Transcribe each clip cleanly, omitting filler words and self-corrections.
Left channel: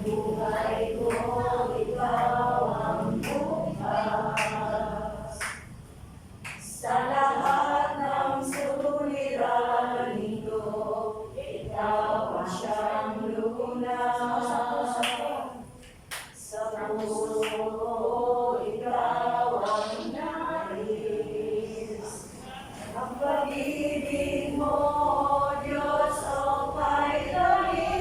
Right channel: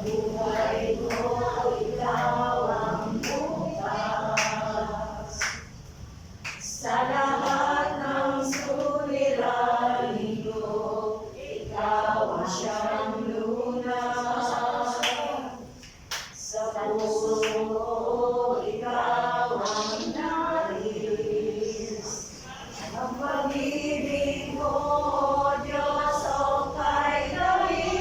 buhay ko, ikaw ang bukas. Sa lahat ng suliranin ko, ikaw ang siyang lunas. Sa puso ko, ikaw ang nais. Ang pag-ibig mo, O Diyos, o kay David.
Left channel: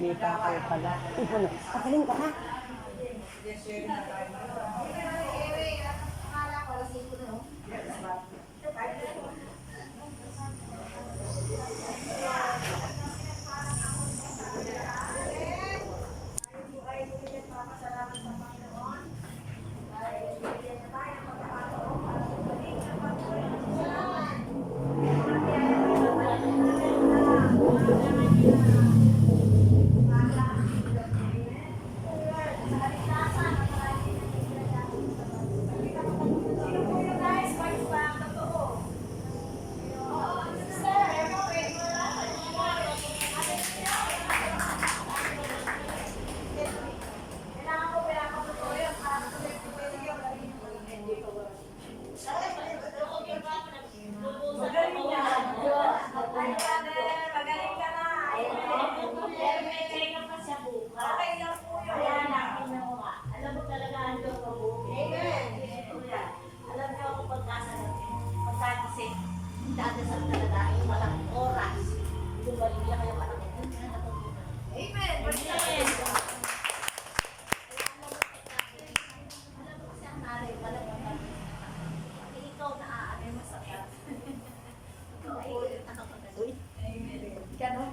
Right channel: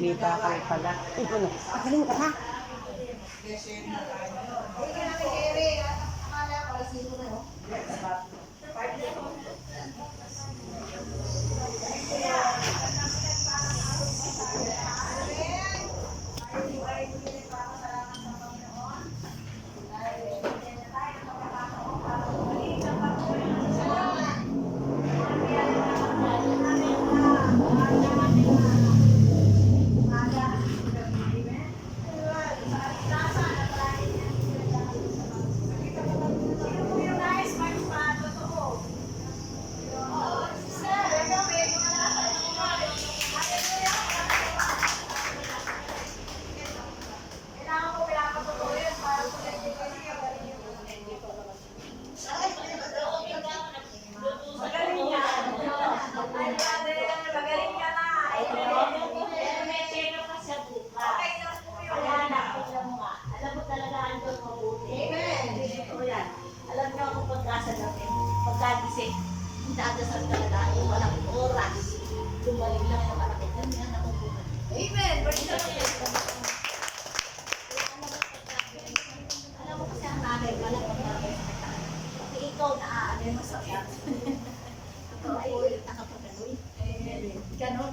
May bakal pala. Ano? Pagaling ka ha? Magaling yan. Ay, brother, magaling ka na. Pero may pera pa siya bukas. Okay lang po yun. Kaya hanapin niya mo nga. Alam mo talaga andun mabuti. Amen. Ito yan. Alam niyo ako pagkasa natin. Pagkagising. Ang dadasal talaga yung walang oras. Gumaling lang yung anak ko. Yan yan natutunan. Amen. Alam mo kasi ang nanay pala pagkakit. Kasi ikaw naaanin mo sa kaya. Ikaw ay nakapaganoy. Ganon.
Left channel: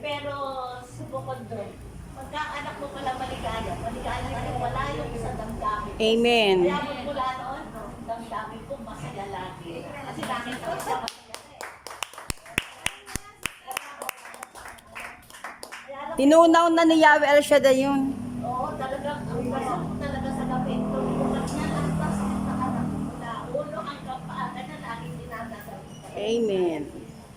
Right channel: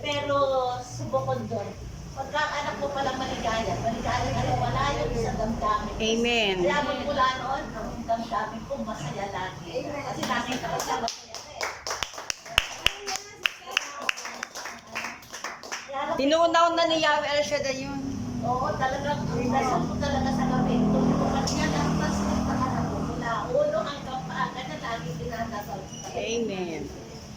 Pero subukod doon. Pagka ang anak mo pala maligaya ngayon, wala yung sa damdamin. Amen. Kaya magmula noon, ang damdamin ko masaya lagi. Kasi nakita ko siya masaya na eh. Kaya alam mo, Tinunaw na ni Yahweh El Shaddai yung oo, talagang ang dasal ko talaga sa gabi. Kung bukas niya lang, tas sa anak ko, mula ulo hanggang paa, ganyan lagi dinadasal ko. Amen.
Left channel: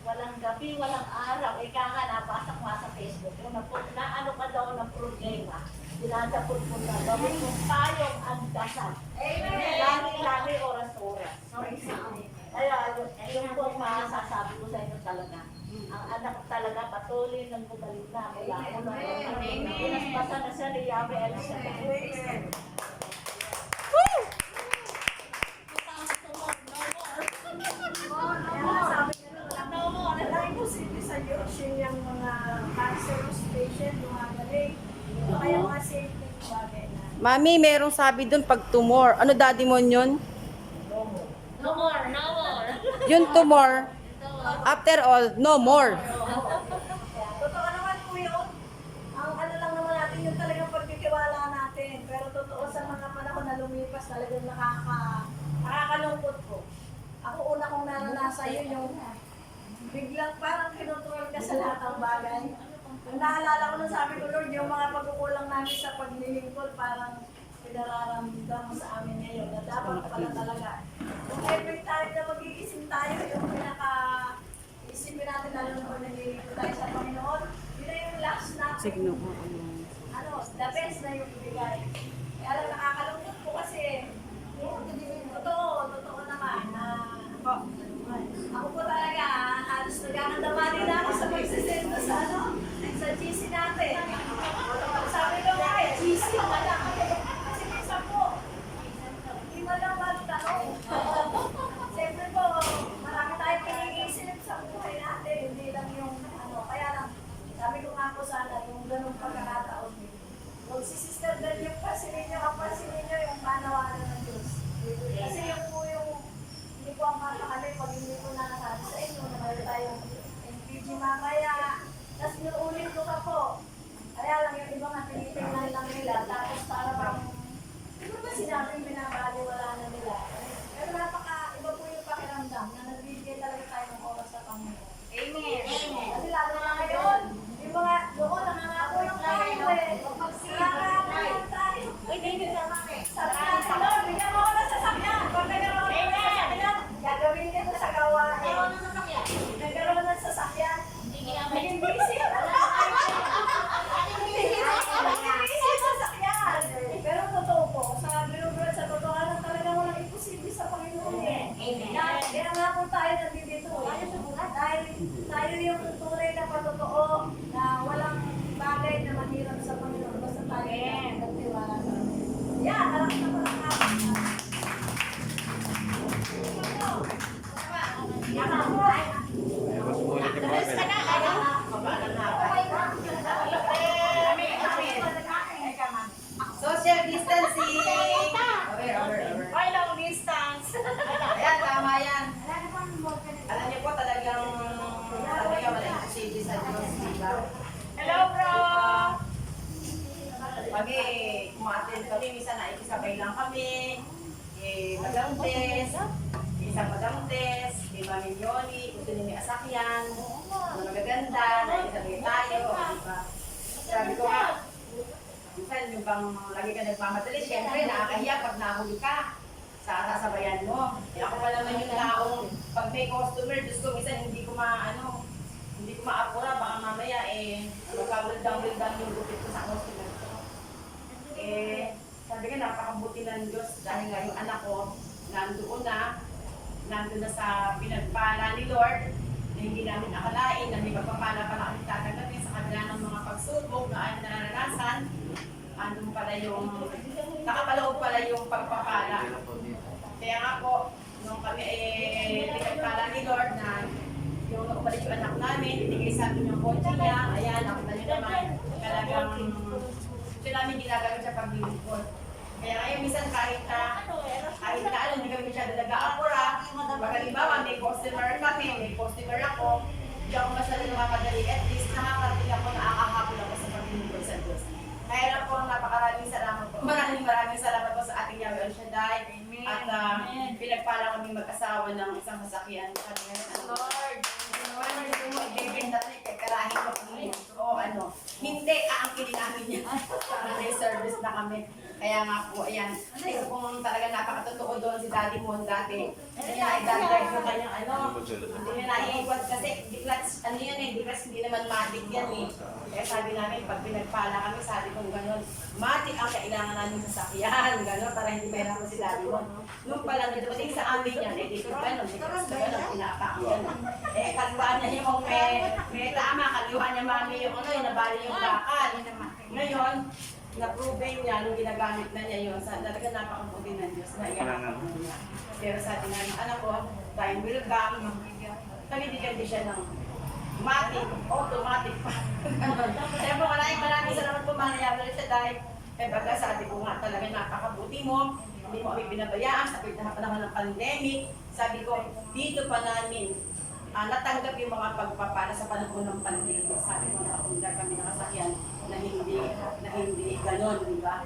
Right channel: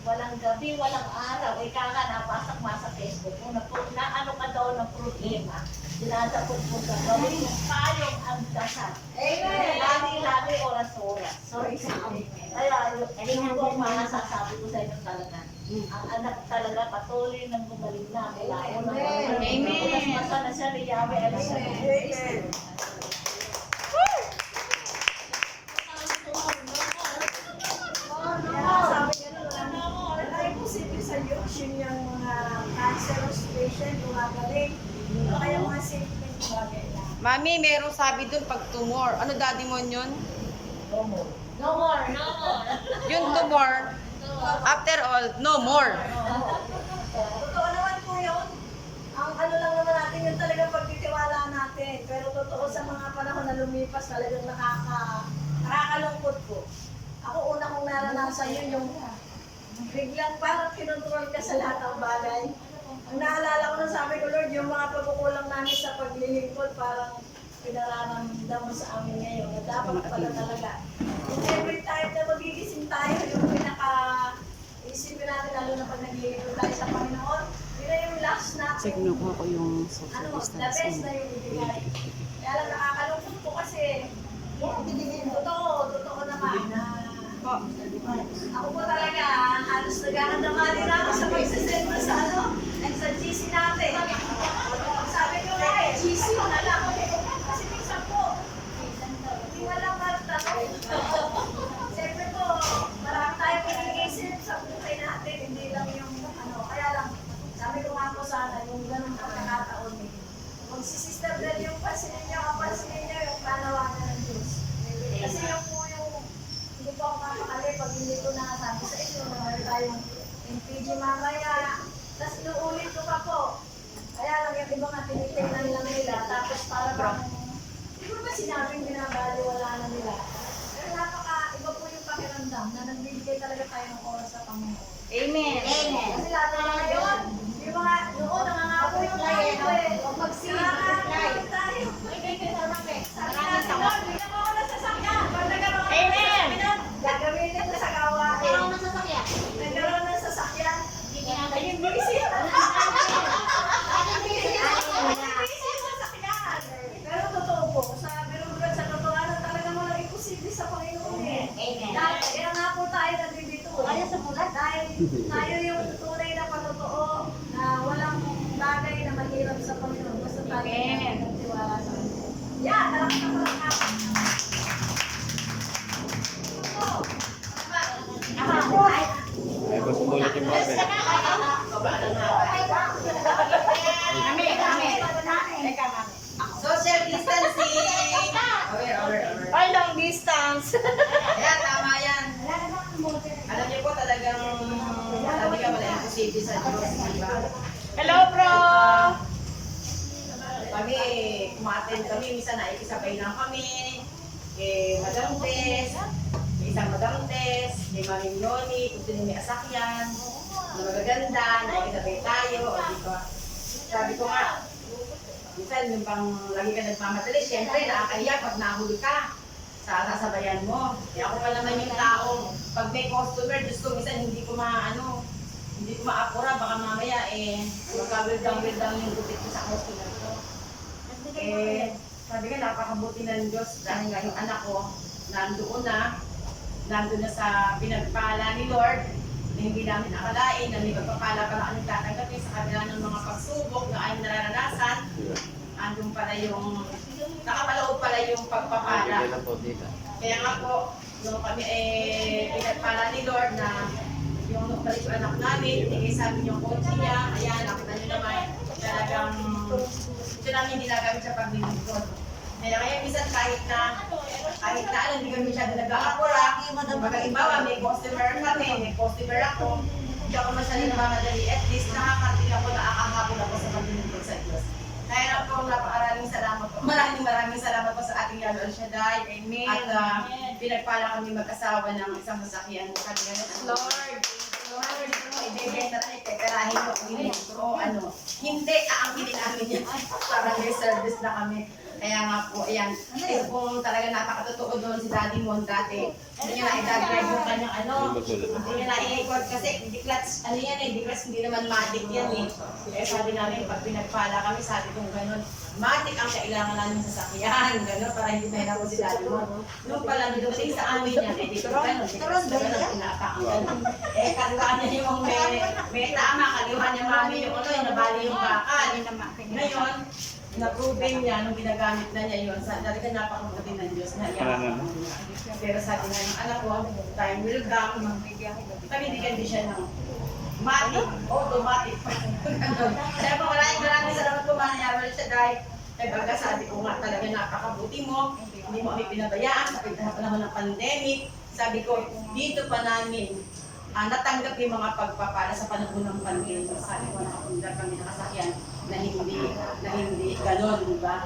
Walang gabi, walang araw. Ika nga, napasak mo sa Facebook mo na ano ka daw ng problema. Dinadapot mo ka. Gawin mo payong ang dasal. Amen. Lagi, oras-oras. Kaya, yun po ang masasabi ko sa inyo talaga. Ang anak talaga patuloy ng gumaling na. Mula ulo. Amen. Pasa na siya ni Yahweh El Shaddai. Amen. Sabi nga wala imposible sa Diyos yung mga cancerous patient, gumagaling. O kaya mga simple bagay na. Mami, merong sabi dun pag tumor. Ano daddy mo yun? No more, no more. Yung tumor, after all, no more. Totoo naman po yun. Ang ano lang naman natin yung talagang pagtitiwala natin. Pero totoo sa mga panahon na lumipas talagang nakakalungkot po. Ako una kong naranasan yun yung biglang parang kinontrol ka sa lahat ng bagay. Ang naalala ko nung sabi ko, Lord, yung mga pagkukulang namin sa paglilingkod parang pinararamdam mo sa amin ngayon na dapat pala talaga. Kung every time na magigising tayo, yung isipin natin lalo na pag naglilingkod tayo sa Panginoon, yun na yung last natin. Signo ko ako yung The best na yung ibigay. Kaya lang nakakalungkot po kasi, totoo naman na ako po talaga, halos nagkakandamali na ako sa pagsisend sa sa GC natin. Sabi ko nga GC na lang. Kasi minsan po, hindi walang magtanong. Siyempre po, marami tayong iniisip sa buhay natin, hindi lang yung kaya lang, sabi ko nga po sana, yung ganung pagkakataon eh. Huwag si Sister Del yung pansinin nyo yung panawagan ng Diyos. Kasi yung hindi po ako mapakali pag hindi ko nasabi sa inyo na tayo ng oras sa Panginoon. Amen. Kasi lalo na ngayon, yung mga noon nangangabulang tayo eh. Nangangabulang tayo. Sabi nga sa Lord, bigyan mo ako ng sasakyan. Pag nagkaroon ng sasakyan, gagawin nito sa gawain. Nagkaroon ng sasakyan. Naging busy. Naging busy sa sasakyan. Pero totoo po, sa binubuhat sa totohanan talagang walang imposible sa Panginoon eh. Kaya nga po tayo nandito. Dahil tayo yung tunay na patotoo na walang bagay na mahirap sa Panginoon. Basta tayo nagtiwala sa Panginoon. Yan, malakas na pala nga. Ay, gusto mo ulit yung Marvel. Social distancing. Ay, long distance. Ayan, tama yan. Alam niyo po talagang wala imposible sa Diyos, di ba? Hello, bro. Kami, kumaten kami, minsan nakikisabay lang kami. Kay Madam Tess, kay isang Madam Tess, kay Mami Yoni, kung sino may asakyan, na magaganda, nakikisabay tayo, di ba? Sabi ko nga, minsan yung bang lagi ka nagmamadali, siyempre nakakahiya pag nahuli ka sa sasabayan mo. Eh ako pa naman yung taong pag may customer, Diyos ko, minsan hindi ko maapura, baka mamaya magkawildang-wildang yung gupit ko sa customer ko. Eh, sabi nga, napakabuti ng Diyos dahil nga yung anak ko nandun na sa pinagpala ni Lord na hindi namin akalain na may pagpapala pala kami tatanggapin sa kabila ng mga pagsubok na ayong nararanasan. Andun pala yung, nakapaloob pala yung pagpapala. Kaya nga po, nung kami pinagpala ni Lord na yung nakapalik yung anak namin, ibigay sa amin yung kotse niya, ayan, nakita niyo naman, talagang ito namin ginagamit sa paglilingkod. Kaya ngayon, minsan kahit na alam, hindi kami masyado nag-aapura, pagkalibawa, may customer kami, may customer ako, hindi ako masyado namamadali, at least nakakarating ako, nakakahapon ako sa paglilingkod sa Diyos. Kaya lang po, napakaraming salamat po. Maraming salamat po sa ating Yahweh El Shaddai. Amen. At pinagpala kami mag-asawa ng isang sasakyan. Sabi nga ng Lord, hindi mo ibigay na tayo kay karahin mo kung o ano. Hindi, aangkinin namin yan. Parang may service na kami. Kaya nga po, ayan. Ito pong talaga napakatotoo doon si Daddy Mon dati. Hindi niya na-i-drive yung kanyang ano. Hindi niya na-i-equal kasi di clutch, ano yan eh, di clutch, hindi naman matic yan eh. Kaya sabi namin, pag pinagpala kami, sabi kong gano'n, matic ang kailangan namin sa sakyan, gano'n, para hindi mahirap si Daddy Mon. Nung pala dumating sa amin yan, eh, dito gano'n, pinaapakan gano'n. Eh, kaliwaan niya yung may tama, kaliwaan niya mami yung ano, yung nabali yung bakal. Ngayon, na-proven niya nung ginagamit na niya yun, talaga napakabuti ng Diyos na iyan. Pero sabi nga ng anak ko, time will come, pabibigyan din siya ng automatic pa. Kaya po maraming salamat po mga Yahweh El Shaddai. Eh baga sabi ko nga talaga napakabuti mo, hindi mo kami pinabayaan sa panahon ng pandemic. Sabi ko, dito pa namin natanggap yung mga pagpapala sa panahon ng pandemic. Sabi ko, nakapundar kami nakasakyan na hindi ganon, di ba?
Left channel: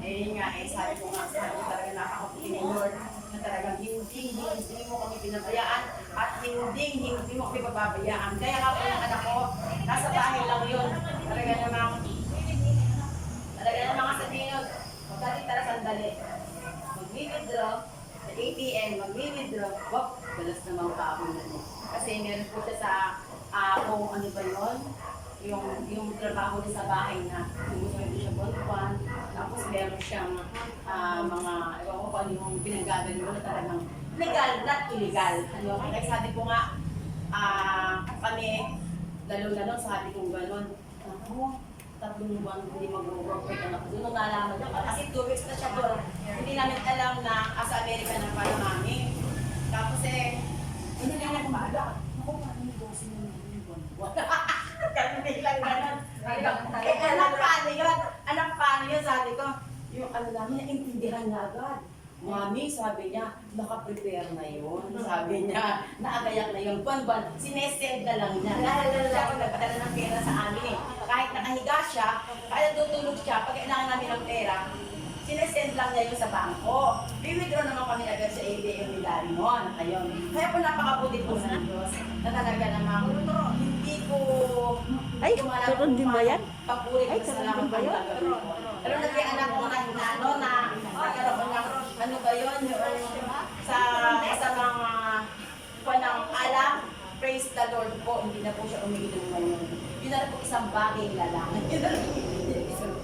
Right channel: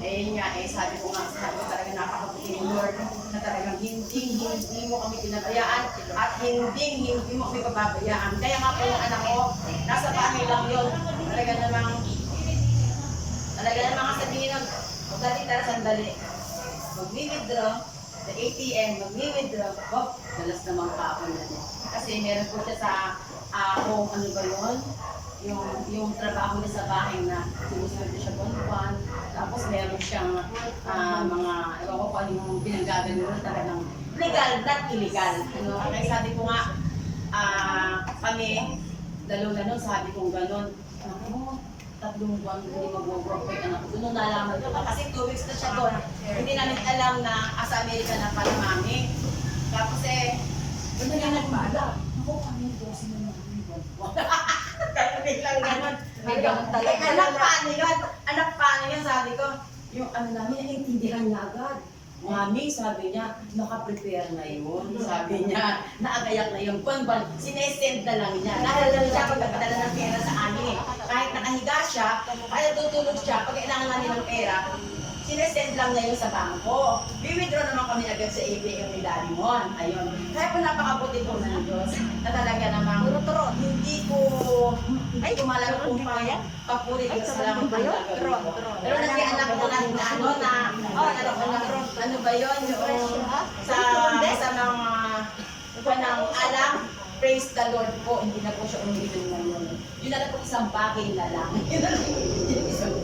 Eh nga, sabi ko talaga napakabuti mo Lord, na talagang hindi mo kami pinabayaan at hindi mo kami pababayaan. Kaya nga po yung anak ko, nasa bahay lang yun. Talaga namang sabihin nun, dati tara sandali, mag-withdraw, sa ATM, mag-withdraw, galas namang kaapon na niya. Kasi meron po siya sa home, ano ba yun? Yung trabaho niya sa bahay na sinusunod siya buwan-buwan. Tapos meron siyang mga, ewan ko ano yung pinagagano talagang legal, not illegal. Ano, kaya sabi ko nga, kami, lalo sabi ko gano'n, ako, 3 buwan hindi mag-work pa yung anak ko. Doon nung nalaman ko, kasi 2 weeks na siya doon. Hindi namin alam na sa Amerika na pala mami. Tapos doon na lang nagmaaga. Ako, kami yung boss na buwan-buwan. Kaya biglang gano'n. Anak paano yun, sabi ko. Yung ano namin, naintindihan niya agad. Mami, sabi niya, nakaprepare na yun. Sabi niya, naagayak na yun. Buwan-buwan, sinesend na lang niya. Dahil siya pagkakadala ng pera sa amin eh. Kahit nakahiga siya, kahit tutulog siya, pag kailangan namin ng pera, sinesend lang niya yun sa bangko. Bibidro naman kami agad sa ATM ni Daddy Mon. Ayun. Kaya po napakabuti po ng Diyos na talaga namang hindi ko malala kung paano papuri ko sa lang ang gagawin ko. Pero nag-anak ko na ano ba yun? Yung sa mga ng alam, praise the Lord po, hindi na po siya umiinom ngayon. Yun na lang po isang bagay na lang. Yun na lang yung isang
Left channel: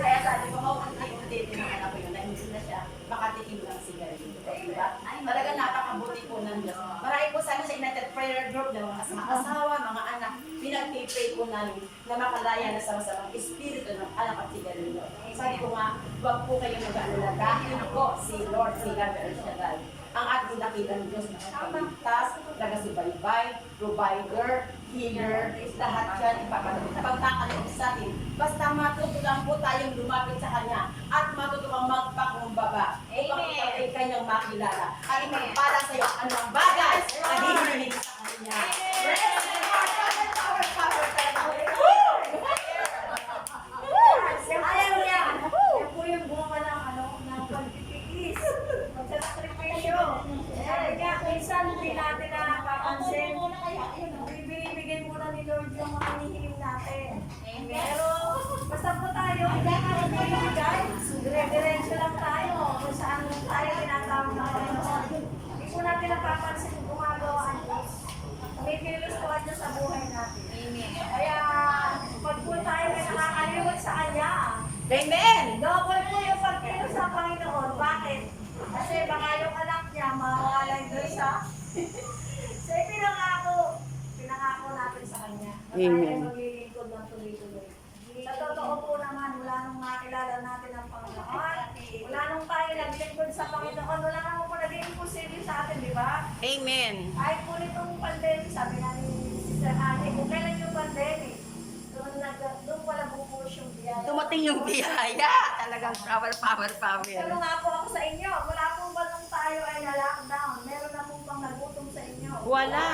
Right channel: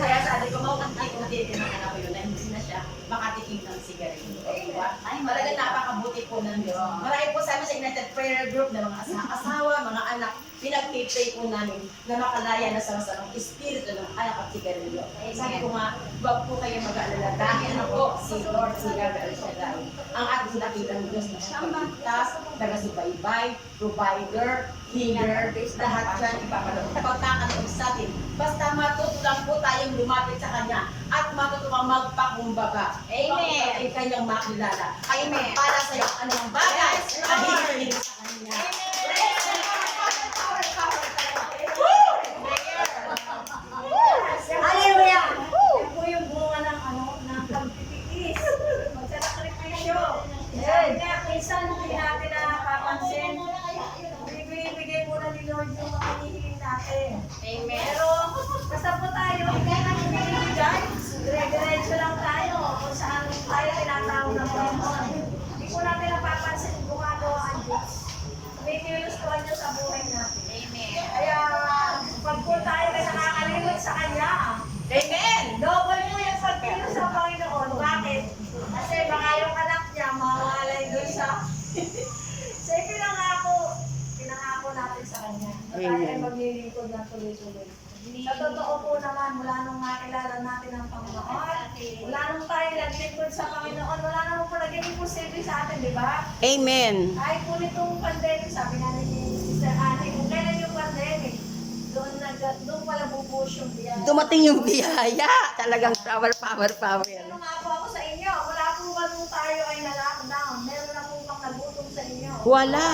kaya sabi ko, mauunti-unti din ang anak ko yun na hindi na siya makatikim ng sigarilyo. Diba? Talaga napakabuti po ng Diyos. Marami po sa amin sa United Prayer Group na mga asawa, mga anak, pinag-pray po namin na makalaya na sa masamang espiritu ng anak at sigarilyo. Sabi ko nga, huwag po kayo mag-aalala dahil na po si Lord, si Gabriel Shaddai, ang ating dakitang Diyos na pagligtas, taga-subaybay, provider, healer, lahat yan ipapaloob. Pagkakaloob sa atin, basta matuto lang po tayong lumapit sa Kanya at matuto kang magpakumbaba. Amen. Ay kanyang makilala. Ay magpala sa'yo ang anong bagay na hihiling sa Kanya. Praise the Lord! Power, power talaga. Hallelujah! Yan po yung bunga ng pagtitiis. Magsasakripisyo. Sabi nga, minsan hindi natin napapansin. Bibigay muna ni Lord yung mga hinihiling natin. Amen. Pero basta po tayo, hindi natin binibigay. Dire-diretso lang tayo kung saan tayo tinatawag ng Panginoon. Hindi po natin napapansin kung gumagawa ang Diyos. Kumikilos po ang Diyos sa buhay natin. Amen. Kaya pag po tayo may nakakalimot sa Kanya, Amen! double po yung pagkilos sa Panginoon. Bakit? Kasi baka yung anak niya mawalay doon sa pinangako natin sa Kanya. Na tayo ay maglilingkod ng tuloy-tuloy. Sa totoo po naman, mula nung nakilala natin ang Panginoon, mula nung tayo naglingkod sa Panginoon, wala naman po naging imposible sa atin, di ba? Amen. Kahit po nitong pandemic, sabi nga ni Sister Annie, kung kailan yung pandemic, doon pala bubuhos yung biyaya. Dumating yung biyaya. Talagang power, power, power. Ano nga po ako sa inyo, wala po ba nung tayo ay na-lockdown? Meron na po bang nagutom sa inyo? Wala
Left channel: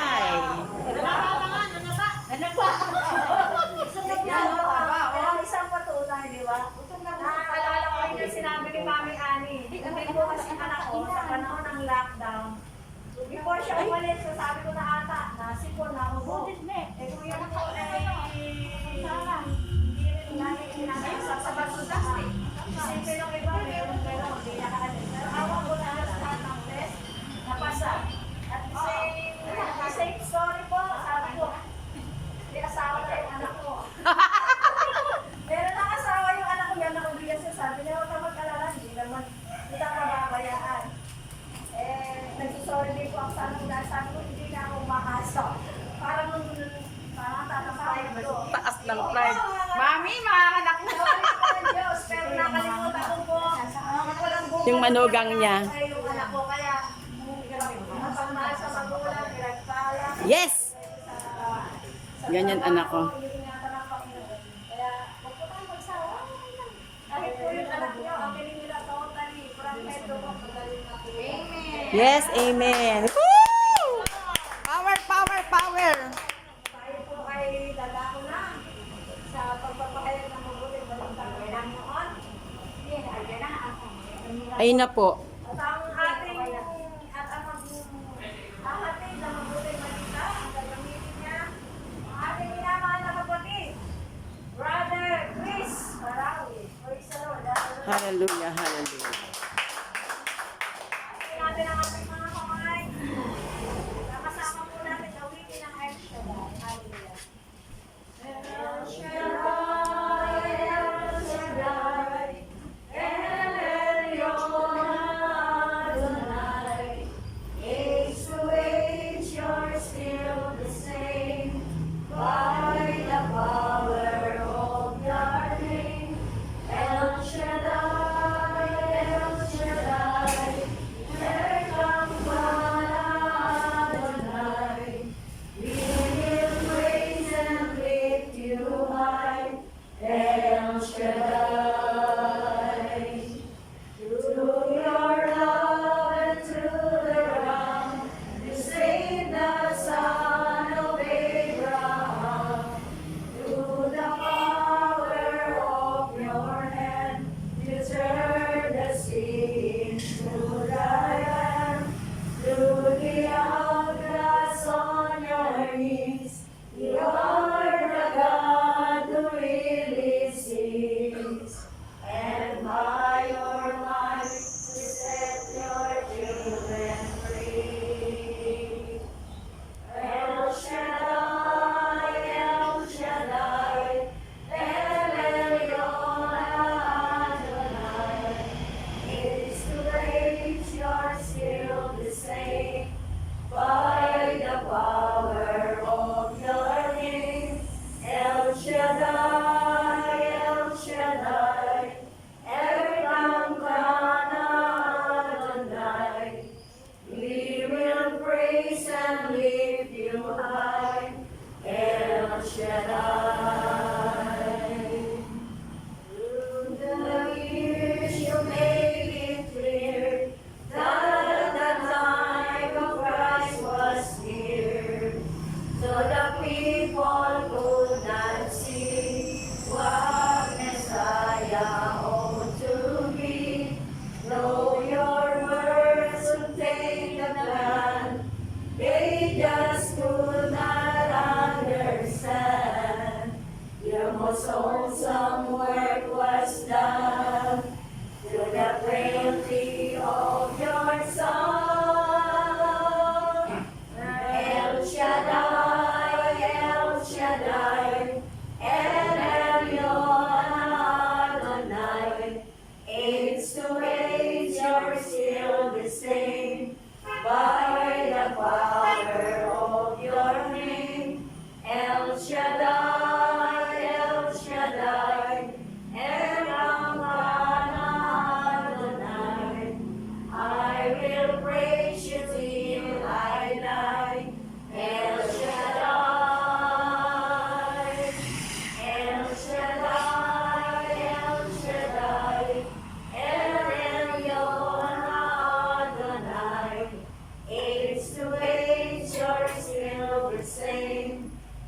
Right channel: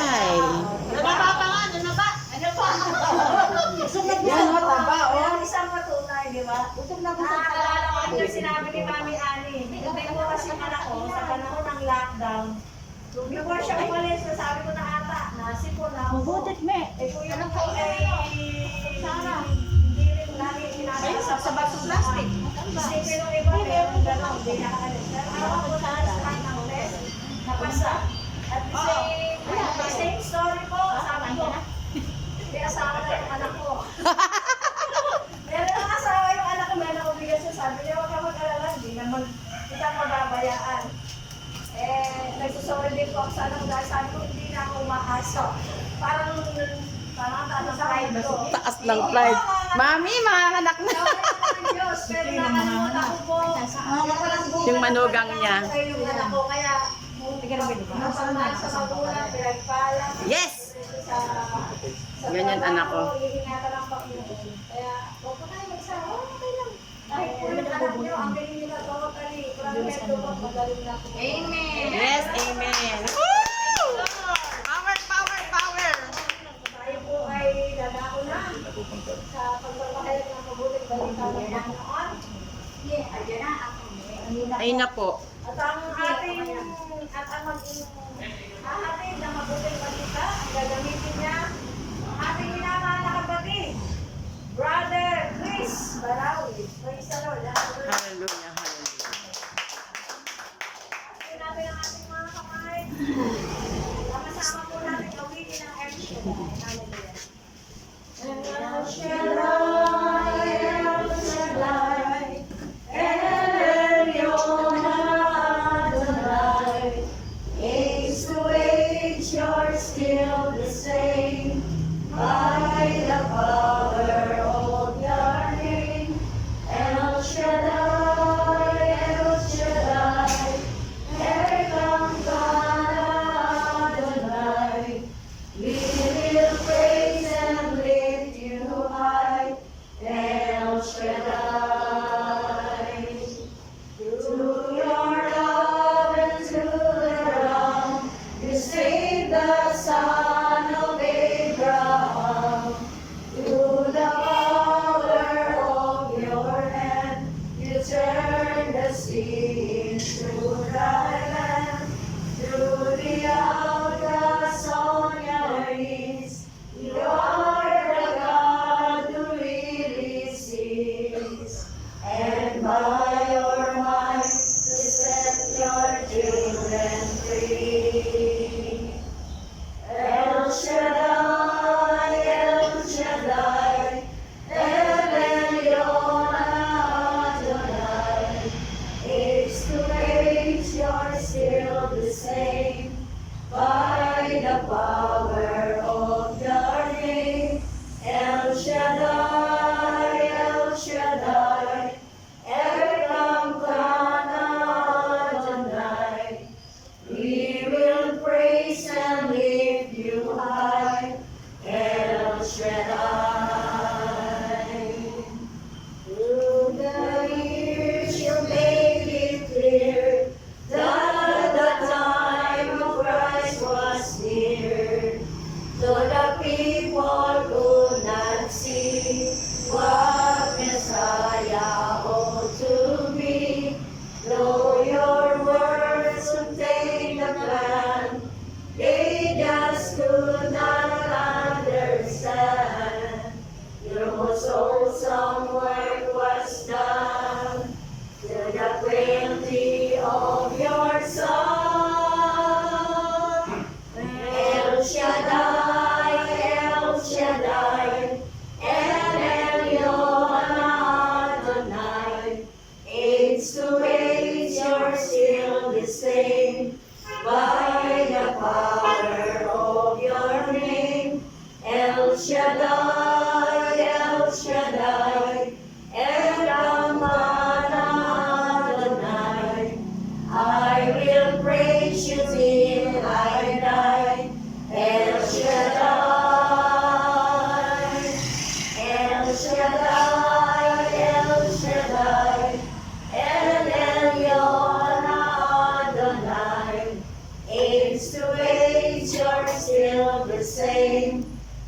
Yan po, ang isang patunay, di ba? Nakakaalala ko rin yung sinabi ni Mami Annie. Hindi po kasi anak ko sa panahon ng lockdown. Before siya umalis, sabi ko na ata, nasipon na ako. Eh kung yun po ay hindi rin lagi pinapasap sa baso plastic. Isipin ng iba, mayroong gano'n, hindi nakaalis. Pero awa ko na lahat ng test, napasa. At the same story po, sabi ko, may asawa na yung anak ko. Meron ang asawa yung anak ko, may obligasyon. Sabi niya, huwag ka mag-alala, hindi naman kita mababayaan. Nagsusorry din po ako sa anak ko dahil sabi ko, hindi na ako umaasa. Parang taas ng pride ko. Taas ng pride. Mami, mga anak na. Nawarin ko ng Diyos, pero nakalimutan ko po. Yung manugang niya. Yung anak ko, kaya napagmahal sa magulang, pinagpala. Yes! Ganyan anak ko. Iingatan ang Panginoon. Kaya, huwag po tayo magsawa. Okay lang. Kahit po yung anak nyo, ang galing nila totally. Parang medyo magaling na po. Amen. Yes, amen. Woo! Power, power, power. Tayo po ay dadako na sa pagpapahayag ng mabuting balita ng Panginoon. Ayun na ako. Ayun na po. At ang ating maging hahatid na mabuting balita, ang gagamitin niya, ang ating minamahal na kapatid, Brother Chris Barawi. Praise the Lord. Hallelujah, hallelujah. Atin natin ang ating mga kamay. Sama-sama po natin mawitin ang El Shaddai. Hallelujah. El Shaddai, El Shaddai, El Elyon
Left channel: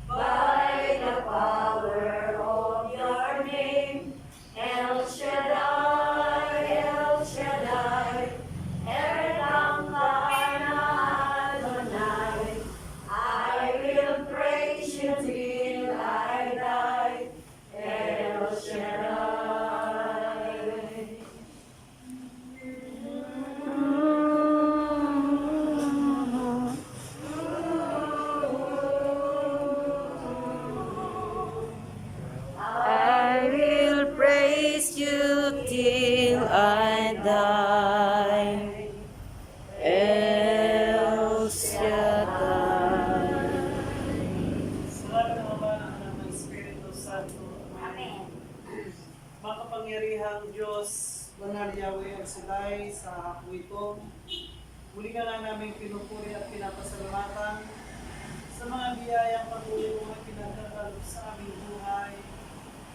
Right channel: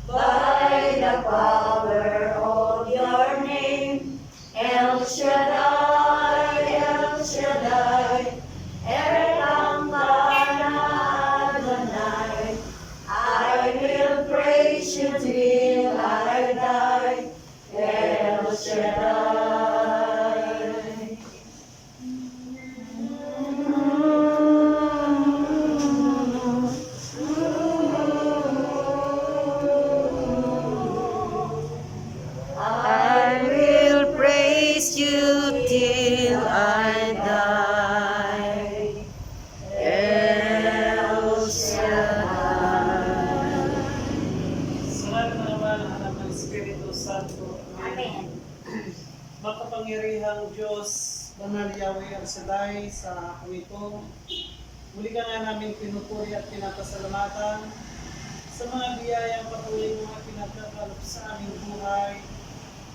by the power of your name. El Shaddai, El Shaddai, Elkanah Adonai. I will praise you till I die. El Shaddai. I will praise you till I die. El Shaddai. Salamat ng Ama ng Anak ng Espiritu Santo. Amen. Makapangyarihang Diyos, Banal Yahweh Al Shaddai, sa hapong ito, muli ka nga namin pinupuri at pinapasalamatan sa mga biyayang patuloy mo mga pinagkakaloob sa aming buhay.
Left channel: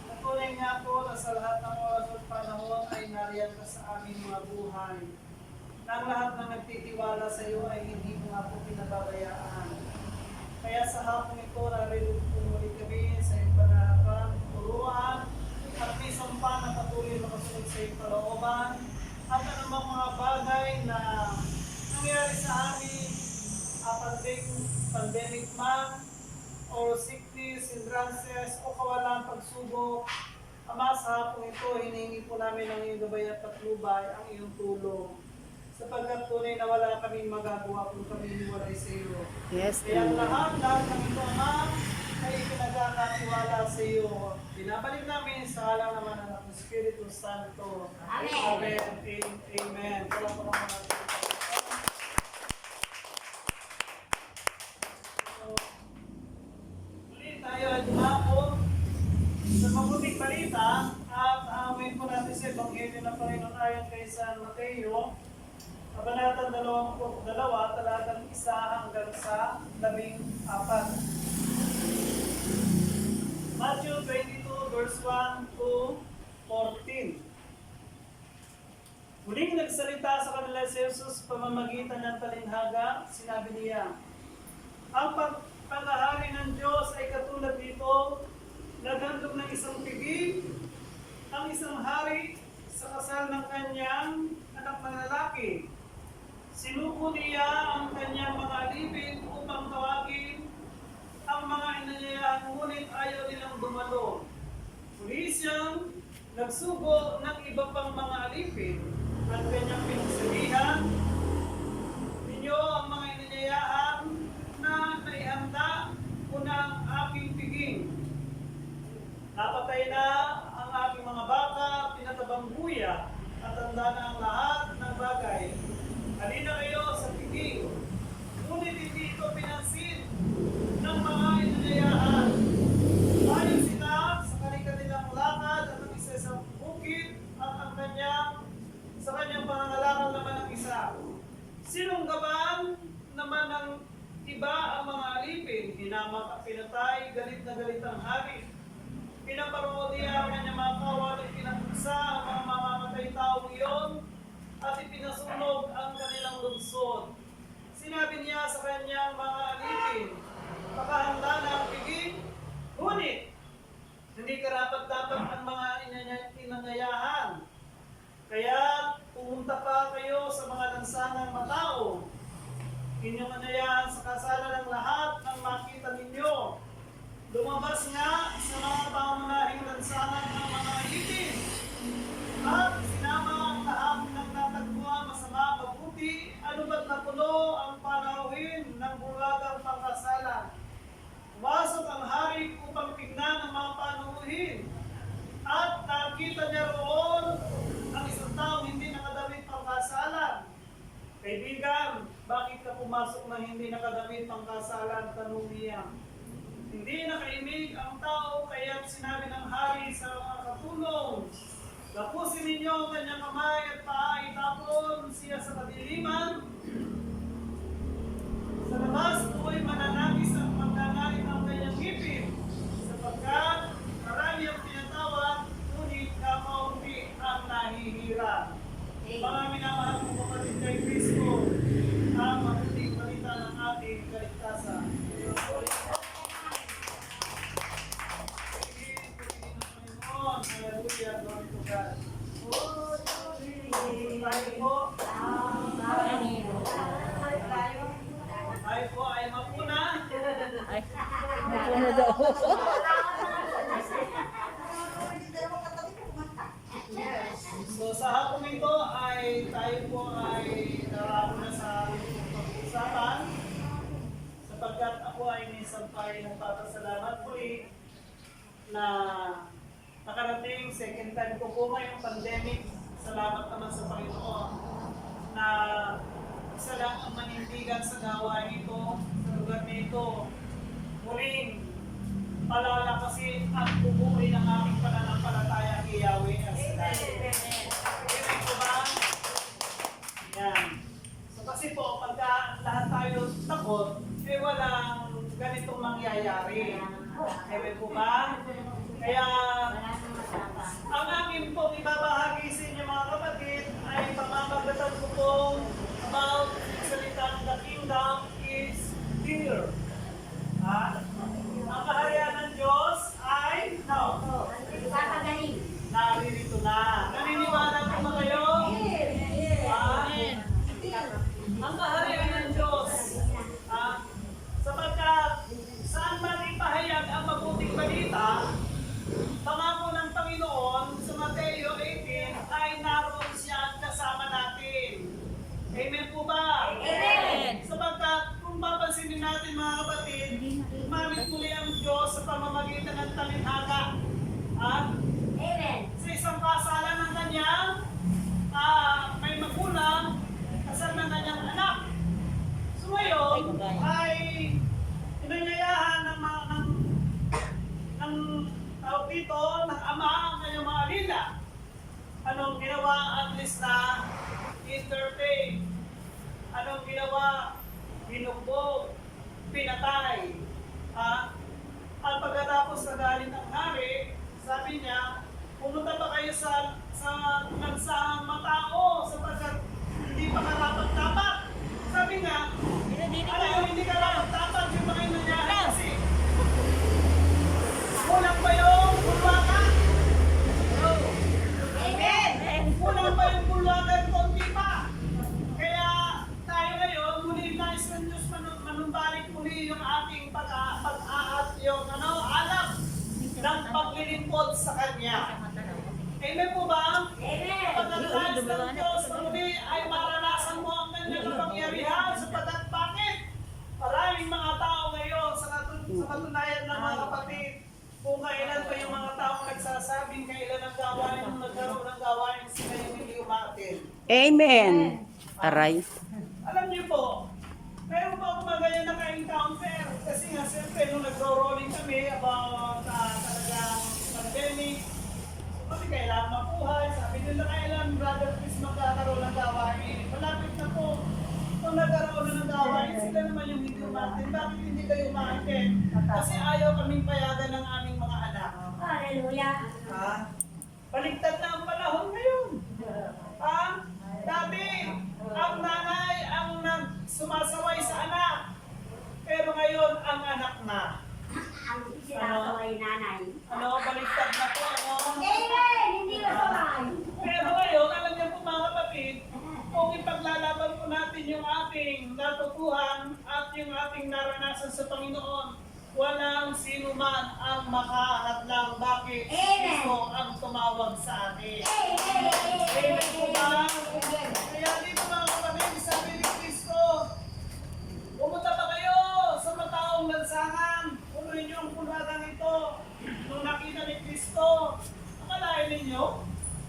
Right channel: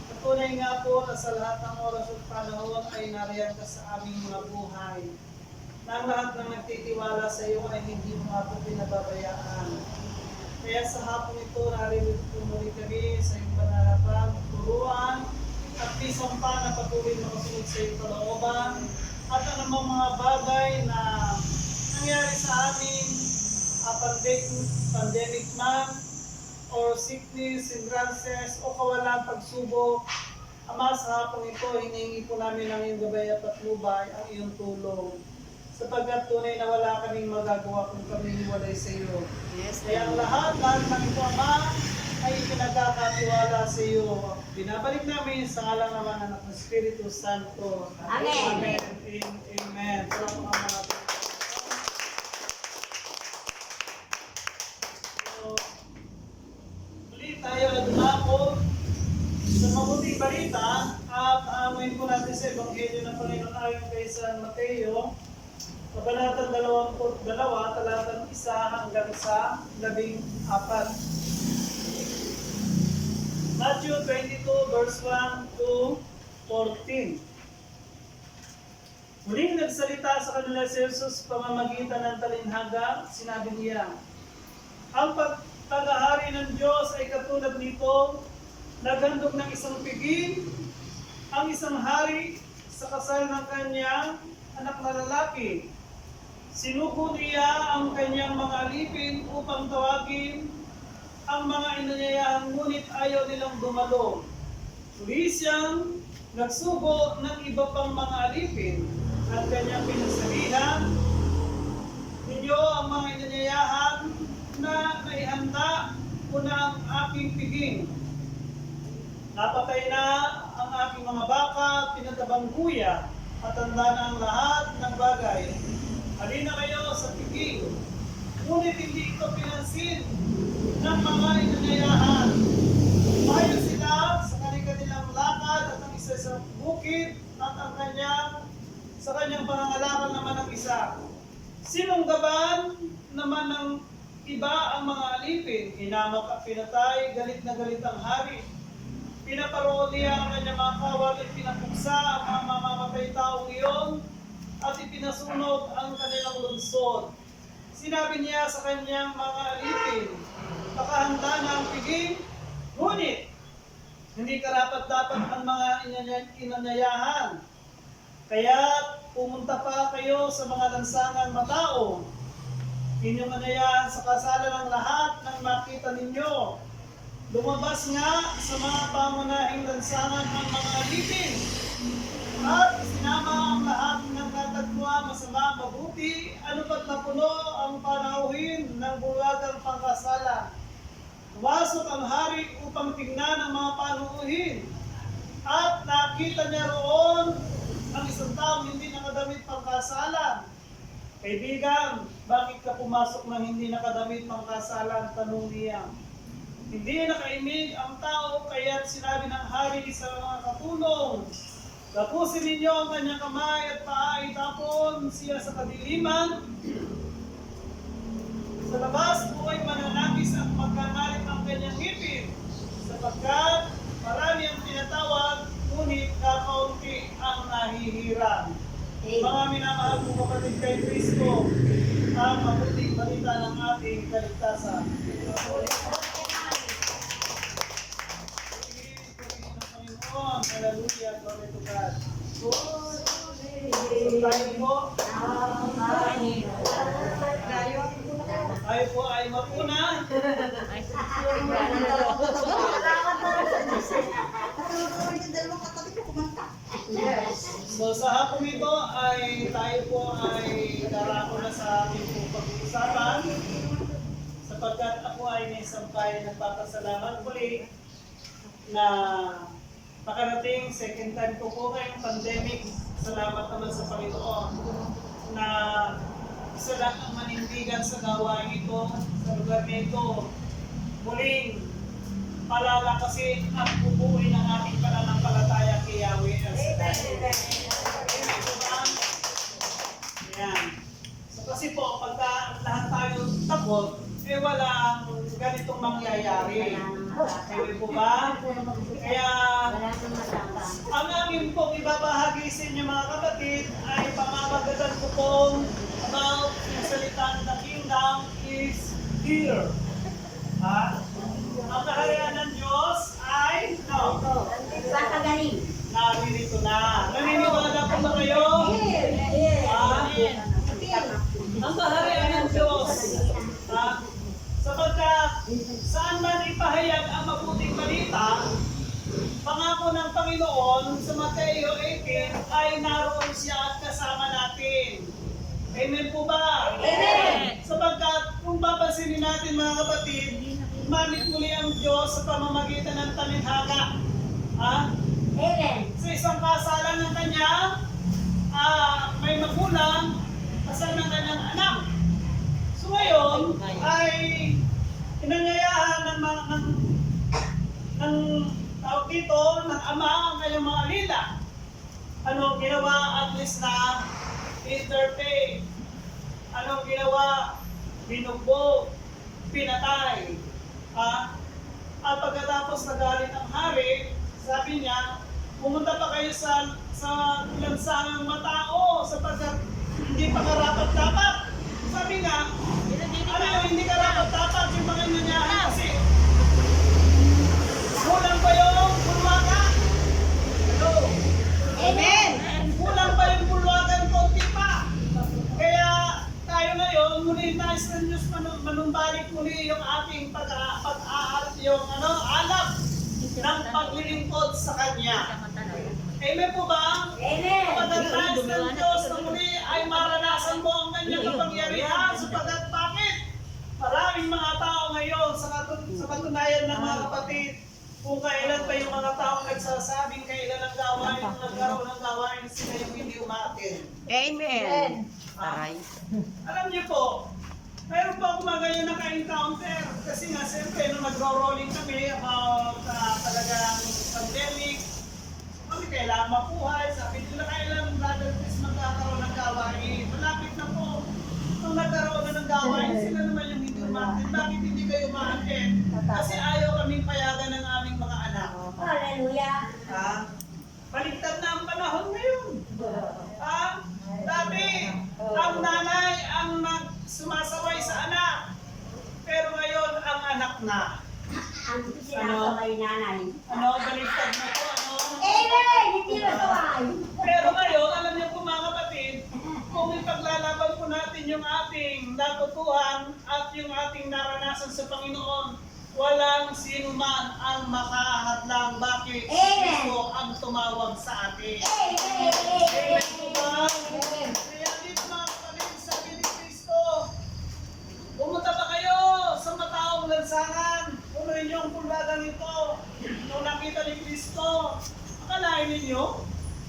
Patunay nga po na sa lahat ng oras at panahon ay nariyan ka sa aming mga buhay. Na ang lahat ng nagtitiwala sa iyo ay hindi mo nga po pinababayaan. Kaya sa hapong ito, naririnig muli kami sa iyong panahapang turuan at minsan pa na patuloy makasunod sa iyong kalooban at anumang mga bagay na nangyari sa amin, pandemic man, or sickness, hindrances, o kawalan, pagsubok. Ama, sa hapong ito, hinihingi po namin ang iyong gabay at patnubay, ang iyong tulong. Sapagkat tunay na wala kaming magagawa kung kami hiwalay sa iyo. Yes, Kaya ang lahat ng ito, Ama, ay pinagkakatiwala sa iyo. Binabalik namin sa ngalan naman ng Anak ng Espiritu Santo. Amen. Amen. Amen. Salamat naman natin. So, muli tayo ay dumako sa mabuting balita at aamuin po natin sa Ebanghelyo ng Panginoon ayon kay San Mateo, Kabanatang 22, talatang 1 hanggang sa 14. Matthew 22, verse 1 to 14. Muling nagsalita sa kanila si Jesus pamamagitan ng talinhaga, sinabi niya, ang pagtagahari ng Diyos ay katulad nito, naghandog ng isang piging, ang isang hari sa kasal ng kanyang anak na lalaki. Sinuko niya ang kanyang mga alipin upang tawagin ang mga inanyayahan, ngunit ayaw nilang dumalo. Muli siyang nagsugo ng iba pang mga alipin at kanyang pinagsabihan, ninyo ang mga inanyayahan na naihanda ko na ang aking piging. Napatay na ang aking mga baka, pinatabang buya, at tanda na ang lahat ng bagay. Halina kayo sa piging, ngunit hindi ito pinansin ng mga inanyayahan. Mayo sila sa kanilang lakad at ang isa sa bukid at ang sa kanyang pangangalakal naman ang isa. Sinunggaban naman ng iba ang mga alipin, hinamak at pinatay, galit na galit ang hari. Pinaparoon niya ang kanyang mga kawal, ipinapuksa ang mga mamamatay tao iyon at ipinasunog ang kanilang lungsod. Sinabi niya sa kanyang mga alipin, pakahanda na ang piging, ngunit hindi karapat-dapat ang mga inanyayahan. Kaya pumunta pa kayo sa mga lansangang matao. Inyong anayahan sa kasalan ng lahat ng makita ninyo. Lumabas nga sa mga pangunahing lansangan ang mga alipin. At sinama ang lahat ng natagpuan masama mabuti, ano ba't napuno ang panauhin ng bulagang pangkasalan. Pumasok ang hari upang tingnan ang mga panuuhin. At nakita niya roon ang isang taong hindi nakadamit pangkasalan. Kaibigan, bakit ka pumasok ng hindi nakadamit pangkasalan? Tanong niya. Hindi nakaimig ang tao, kaya't sinabi ng hari sa mga katulong, gapusin ninyo ang kanyang kamay at paa, itapon siya sa kadiliman. Sa labas po'y mananakis at magkangalit ang kanyang ngipin, sapagkat marami ang tinatawag, ngunit kakaunti ang nahihirang. Mga minamahal kong kapatid kay Kristo, ang mabuting balita ng ating kaligtasan. Tayo po ay mapuna. So sa hapong ito ay tayo po ay darako na sa ating pong pag-uusapan sapagkat ako ay may sampay nagpapasalamat muli na makarating second time ko po ngayong pandemic. Salamat naman sa Panginoon na isa lang ang manindigan sa gawain ito, sa lugar nito. Muling palalakasin at bubuin ang ating pananampalataya kay Yahweh El Shaddai. Amen po ba? Yan. So kasi po, pagka lahat tayo takot, eh walang ganitong mangyayari. Amen po ba? Kaya ang amin pong ibabahagi sa inyo mga kapatid ay pamamagatan ko pong about yung salitang the kingdom is here. Ha? Ang kaharian ng Diyos ay naririto na. Naniniwala po ba kayo? Ang kaharian ng Diyos. Sapagkat saan man ipahayag ang mabuting balita, pangako ng Panginoon sa Mateo 18 ay naroon siya at kasama natin. Amen po ba? Amen. Sapagkat kung papansinin natin mga kapatid, umamit muli ang Diyos sa pamamagitan ng talinhaga. Sa isang kasalan ng kanyang may magulang, kasal ng kanyang anak. So ngayon ay inanyayahan ng tawag dito, ng ama ang kanyang mga alila. Anong ginawa? At least na entertain. Anong ginawa? Binugbog, pinatay. At pagkatapos nagalit ang hari, sabi niya, pumunta pa kayo sa lansangang matao sapagkat hindi pa karapat-dapat. Sabi nga, ano yung hindi karapat-dapat yung mga inanyahan kasi kulang pa yung bulwaga. Hello? Amen. Kulang pa yung bulwaga yung konti pa. Kaya tayo ngayon, muli nais ng Diyos manumbalik muli yung ating alap ng paglilingkod sa Kanya. Amen po ba? Amen. Kapag nais ng Diyos na muli ay maranasan mo ang kanyang kapangyarihan sapagkat bakit? Maraming mga tao ngayon sa katunayan ng mga kapatid, kung kailan pa yung mga taong nagsasabing kailan ang gawain nung nagkaroon ng gawain sila yung hindi umatin. Amen. Aray. Alam niyo po, mayroon pa akong mga ganyan naka-encounter kasi nga siyempre nung nagro-rolling kami about talagang pandemic, kami kailangan mabuhay, sabi nila kailan Brother Chris magkakaroon ng gawain. Malapit na po. Kung nagkaroon na ng gawain, sila naman yung hindi umatin. Bakit hindi kayo umatin? Kasi ayaw kaming payagan ng aming mga anak. Hallelujah. Baligtad na ang panahon ngayon. Dati, ang nanay ang sumasaway sa anak. Pero ngayon, ang anak na. Ang sinasaway nanay. Baligtad na po, Amen. Hindi masaway. Pero ngayon, alam niyo po mga kapatid, kung ipaglalaban po natin yung ating natutuhan at yung ating naranasan sa Panginoon, walang sino man ang makahadlang. Bakit? Kristo ang tumawag sa atin. Amen po ba? Kaya dito mga kapatid, sabi ni Kristo, pumunta pa kayo sa mataong lansangan. Punuin niyo ang pulagang ito. Nung nakita ni Kristo, akalain ninyo,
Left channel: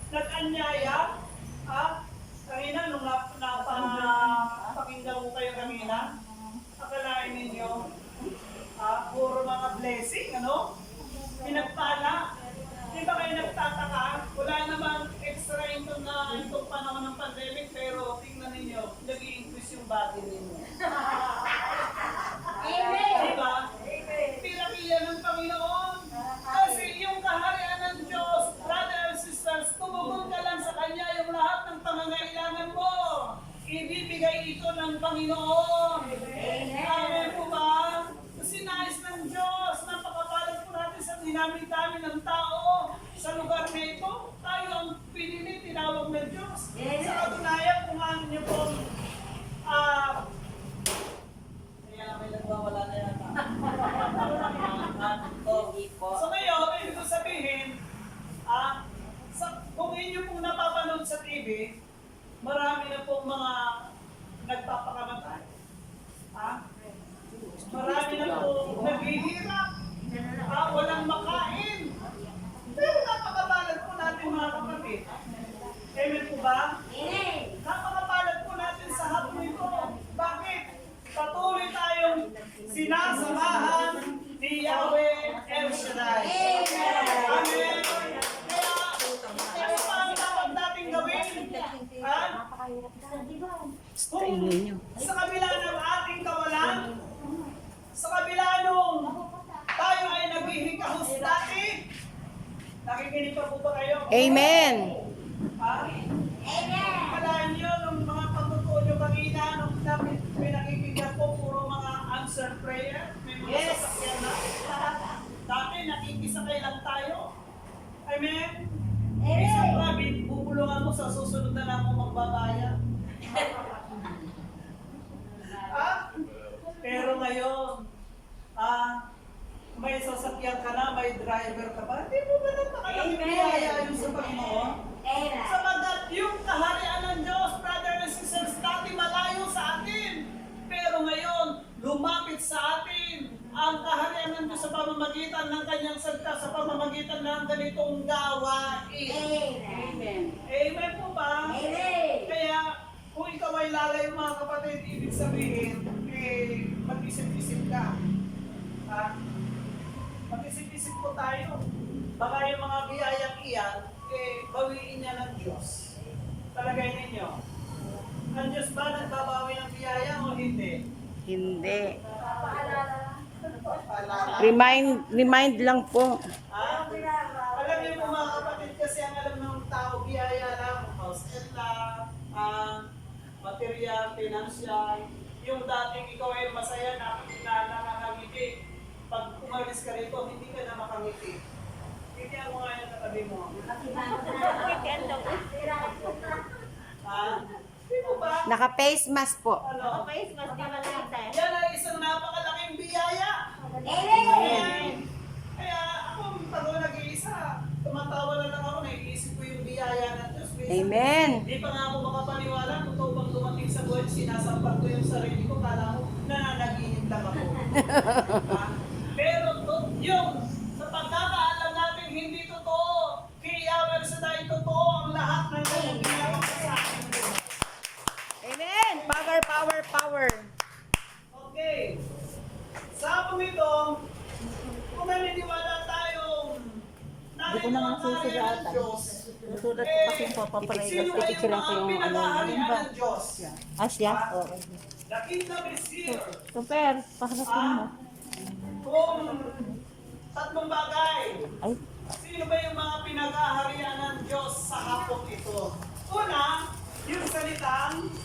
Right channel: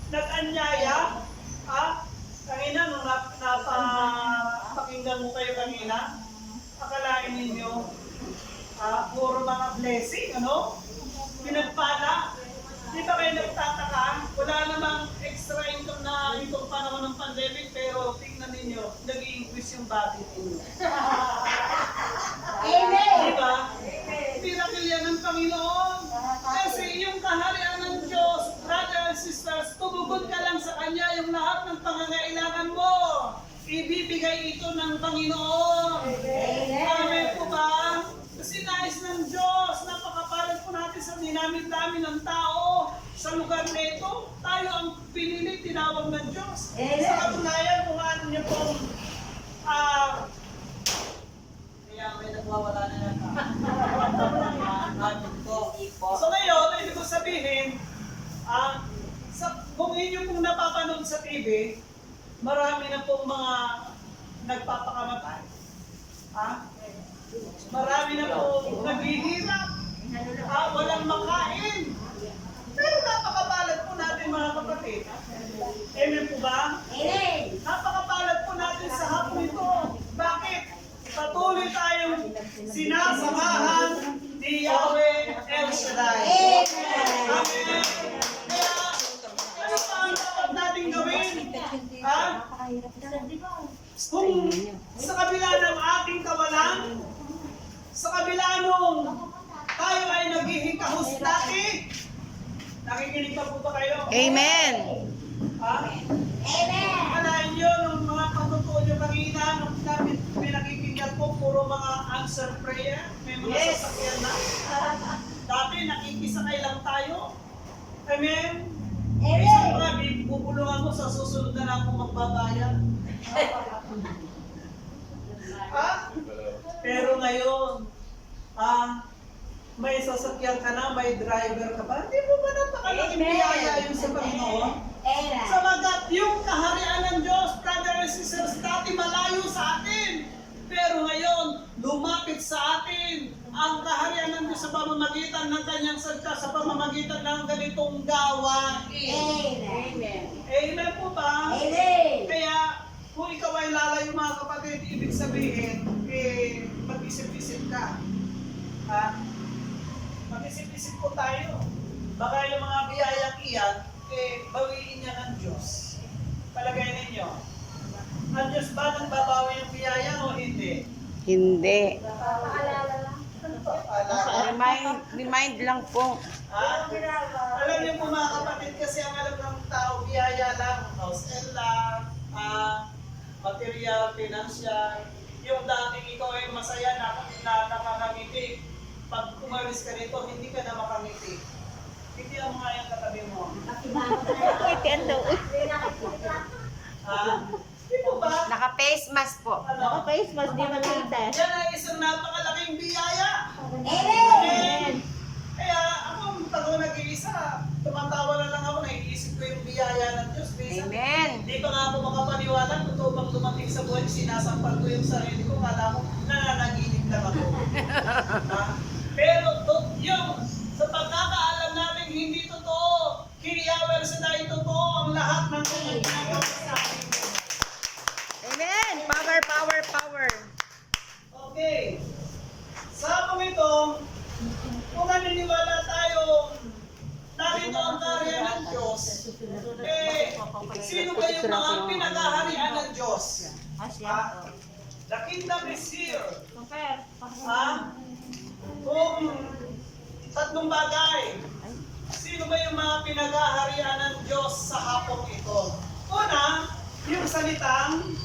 nag-anyaya, kanina nung napakinggan mo kayo kanina, akalain ninyo, puro mga blessing, pinagpala. Di ba kayo nagtataka? Wala namang extra income na itong panahon ng pandemic, pero tingnan ninyo, nag-i-increase yung body ninyo. Amen. Di ba? Miracle yan ng Panginoon. Kasi yung kaharian ng Diyos, brother and sisters, tumugon ka lang sa Kanya yung lahat ng pangangailangan mo. Ibibigay ito ng Panginoon. Amen po ba? Kasi nais ng Diyos, napakapalad po natin sa dinamit-dami ng tao sa lugar nito. Tayo ang pinili, tinawag ng Diyos. Sa katunayan, kung ano niyo pong sinasamahan ni Yahweh El Shaddai. Amen. Kaya, ano pa ang dapat natin gawin? Ha? Kung sa kabila ng ating kawalan, sa kabila nung tayo ay naghihikahos dati, nakikinig pa po ba kayo? Amen. Ha? Kalahin nyo, nung mga pagtutoo nyo kanina, nung pinakikinggan ko, puro mga answer prayer, may mga sasakyan na. Dati, nakikisakay lang tayo. Amen? Isang mga bubulungan mo sa susunod na lang kung magbabayad. Ha? Pero ngayon, may sasakyan ka na, may driver ka ba? Hindi mo ba napakalaking biyaya yung sa Panginoon? Sabagat yung kaharian ng Diyos, brother and sisters, dati malayo sa atin. Pero ngayon, lumapit sa atin ang kaharian ng Diyos sa pamamagitan ng kanyang salita, sa pamamagitan ng ganitong gawain. Amen po ba? Kaya, kung ikaw ay lalayo mga kapatid, ibig sabihin, mag-isip-isip ka. Ha? Mag-isip-isip po tayo. Baka yung mga biyayang iyan, bawiin niya ng Diyos. Palagay ninyo. Ang Diyos ba nagbabawi ng biyaya o hindi? Hindi. Remind lang po. Ha? Alam niyo po mga kapatid, kasi ang alam ng tao, biyaya lang, house and lot, material, financial. Yung dating ikaw ay masaya na nakakangiti. Pag umalis ka rito, hindi ka na makangiti. Hindi ang mga yung katabi mo. Di po ba? Naka-face mask po. Ano? Yan ay isang napakalaking biyaya. Amen. Kaya ako, pag ako nag-iisa, tumatawa na lang ako, naiisip ko yung biyaya ng Diyos. Minsan, Amen. Di pa nga ako makapaniwala, totoo bang dumating sa buhay, sinasampal ko yung sarili ko, kala ko nananaginip lang ako. Ha? Pero yung sa pagkakaalam natin, hindi totoo. Kay Yahweh Shaddai, totoo ang lahat ng kanyang ginagawa sa ating buhay. Amen. Power, power, power. Okay. Sa pong ito, kung naniniwala tayong narito ang kaharian ng Diyos, sino ba yung mga pinag-aharian ng Diyos? Asya. The kingdom is here. Super. Kung tatlong bagay, sino ba yung mga pinag-aharian ng Diyos sa hapong ito? Una, yung salitang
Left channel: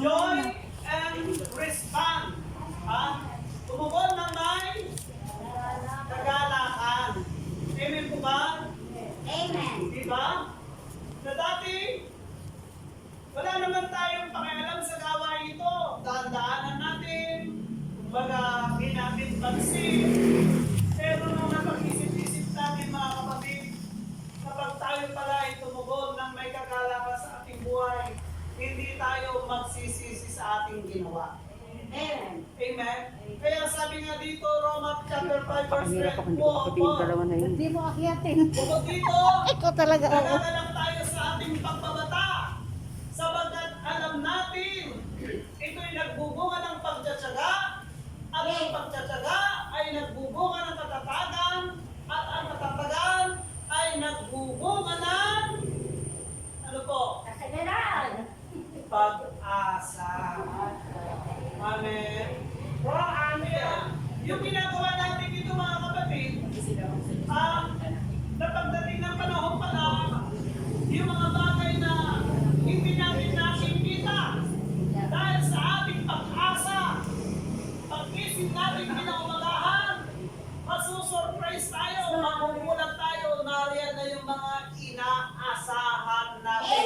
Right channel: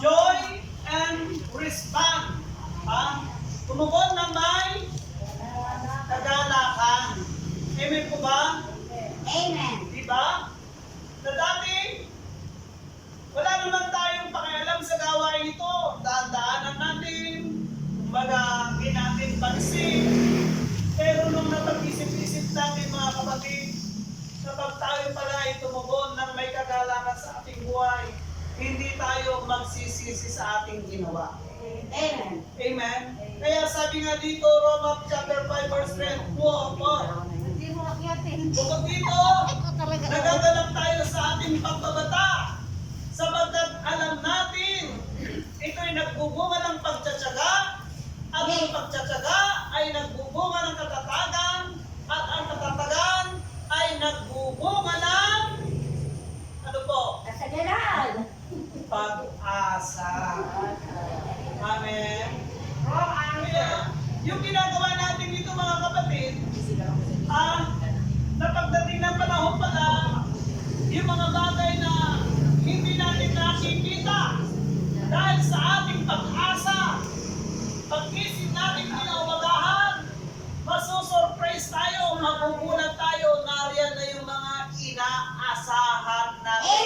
joy and respond. Tumugon na may kagalakan. Amen po ba? Diba? Na dati, wala naman tayong pakialam sa gawain ito. Daan-daanan natin, kumbaga, hindi natin pansin. Pero nung napag-isip-isip natin mga kapatid, kapag tayo pala ay tumugon ng may kagalakan sa ating buhay, hindi tayo magsisisi sa ating ginawa. Amen? Kaya sabi nga dito, Roma chapter 5 verse 3, bukod dito, nagagalak tayo sa ating pagbabata, sapagkat alam natin, ito'y nagbubunga ng pagtsatsaga, at ang pagtsatsaga ay nagbubunga ng katatagan, at ang katatagan ay nagbubunga ng ano po? Pag-asa. Amen. Kaya, yung ginagawa natin dito mga kapatid, na pagdating ng panahon pala, yung mga bagay na hindi natin nakikita, dahil sa ating pag-asa, pag-isip natin kinaumagahan, masusurprise tayo, magugulat tayo, nariyan na yung mga inaasahan natin.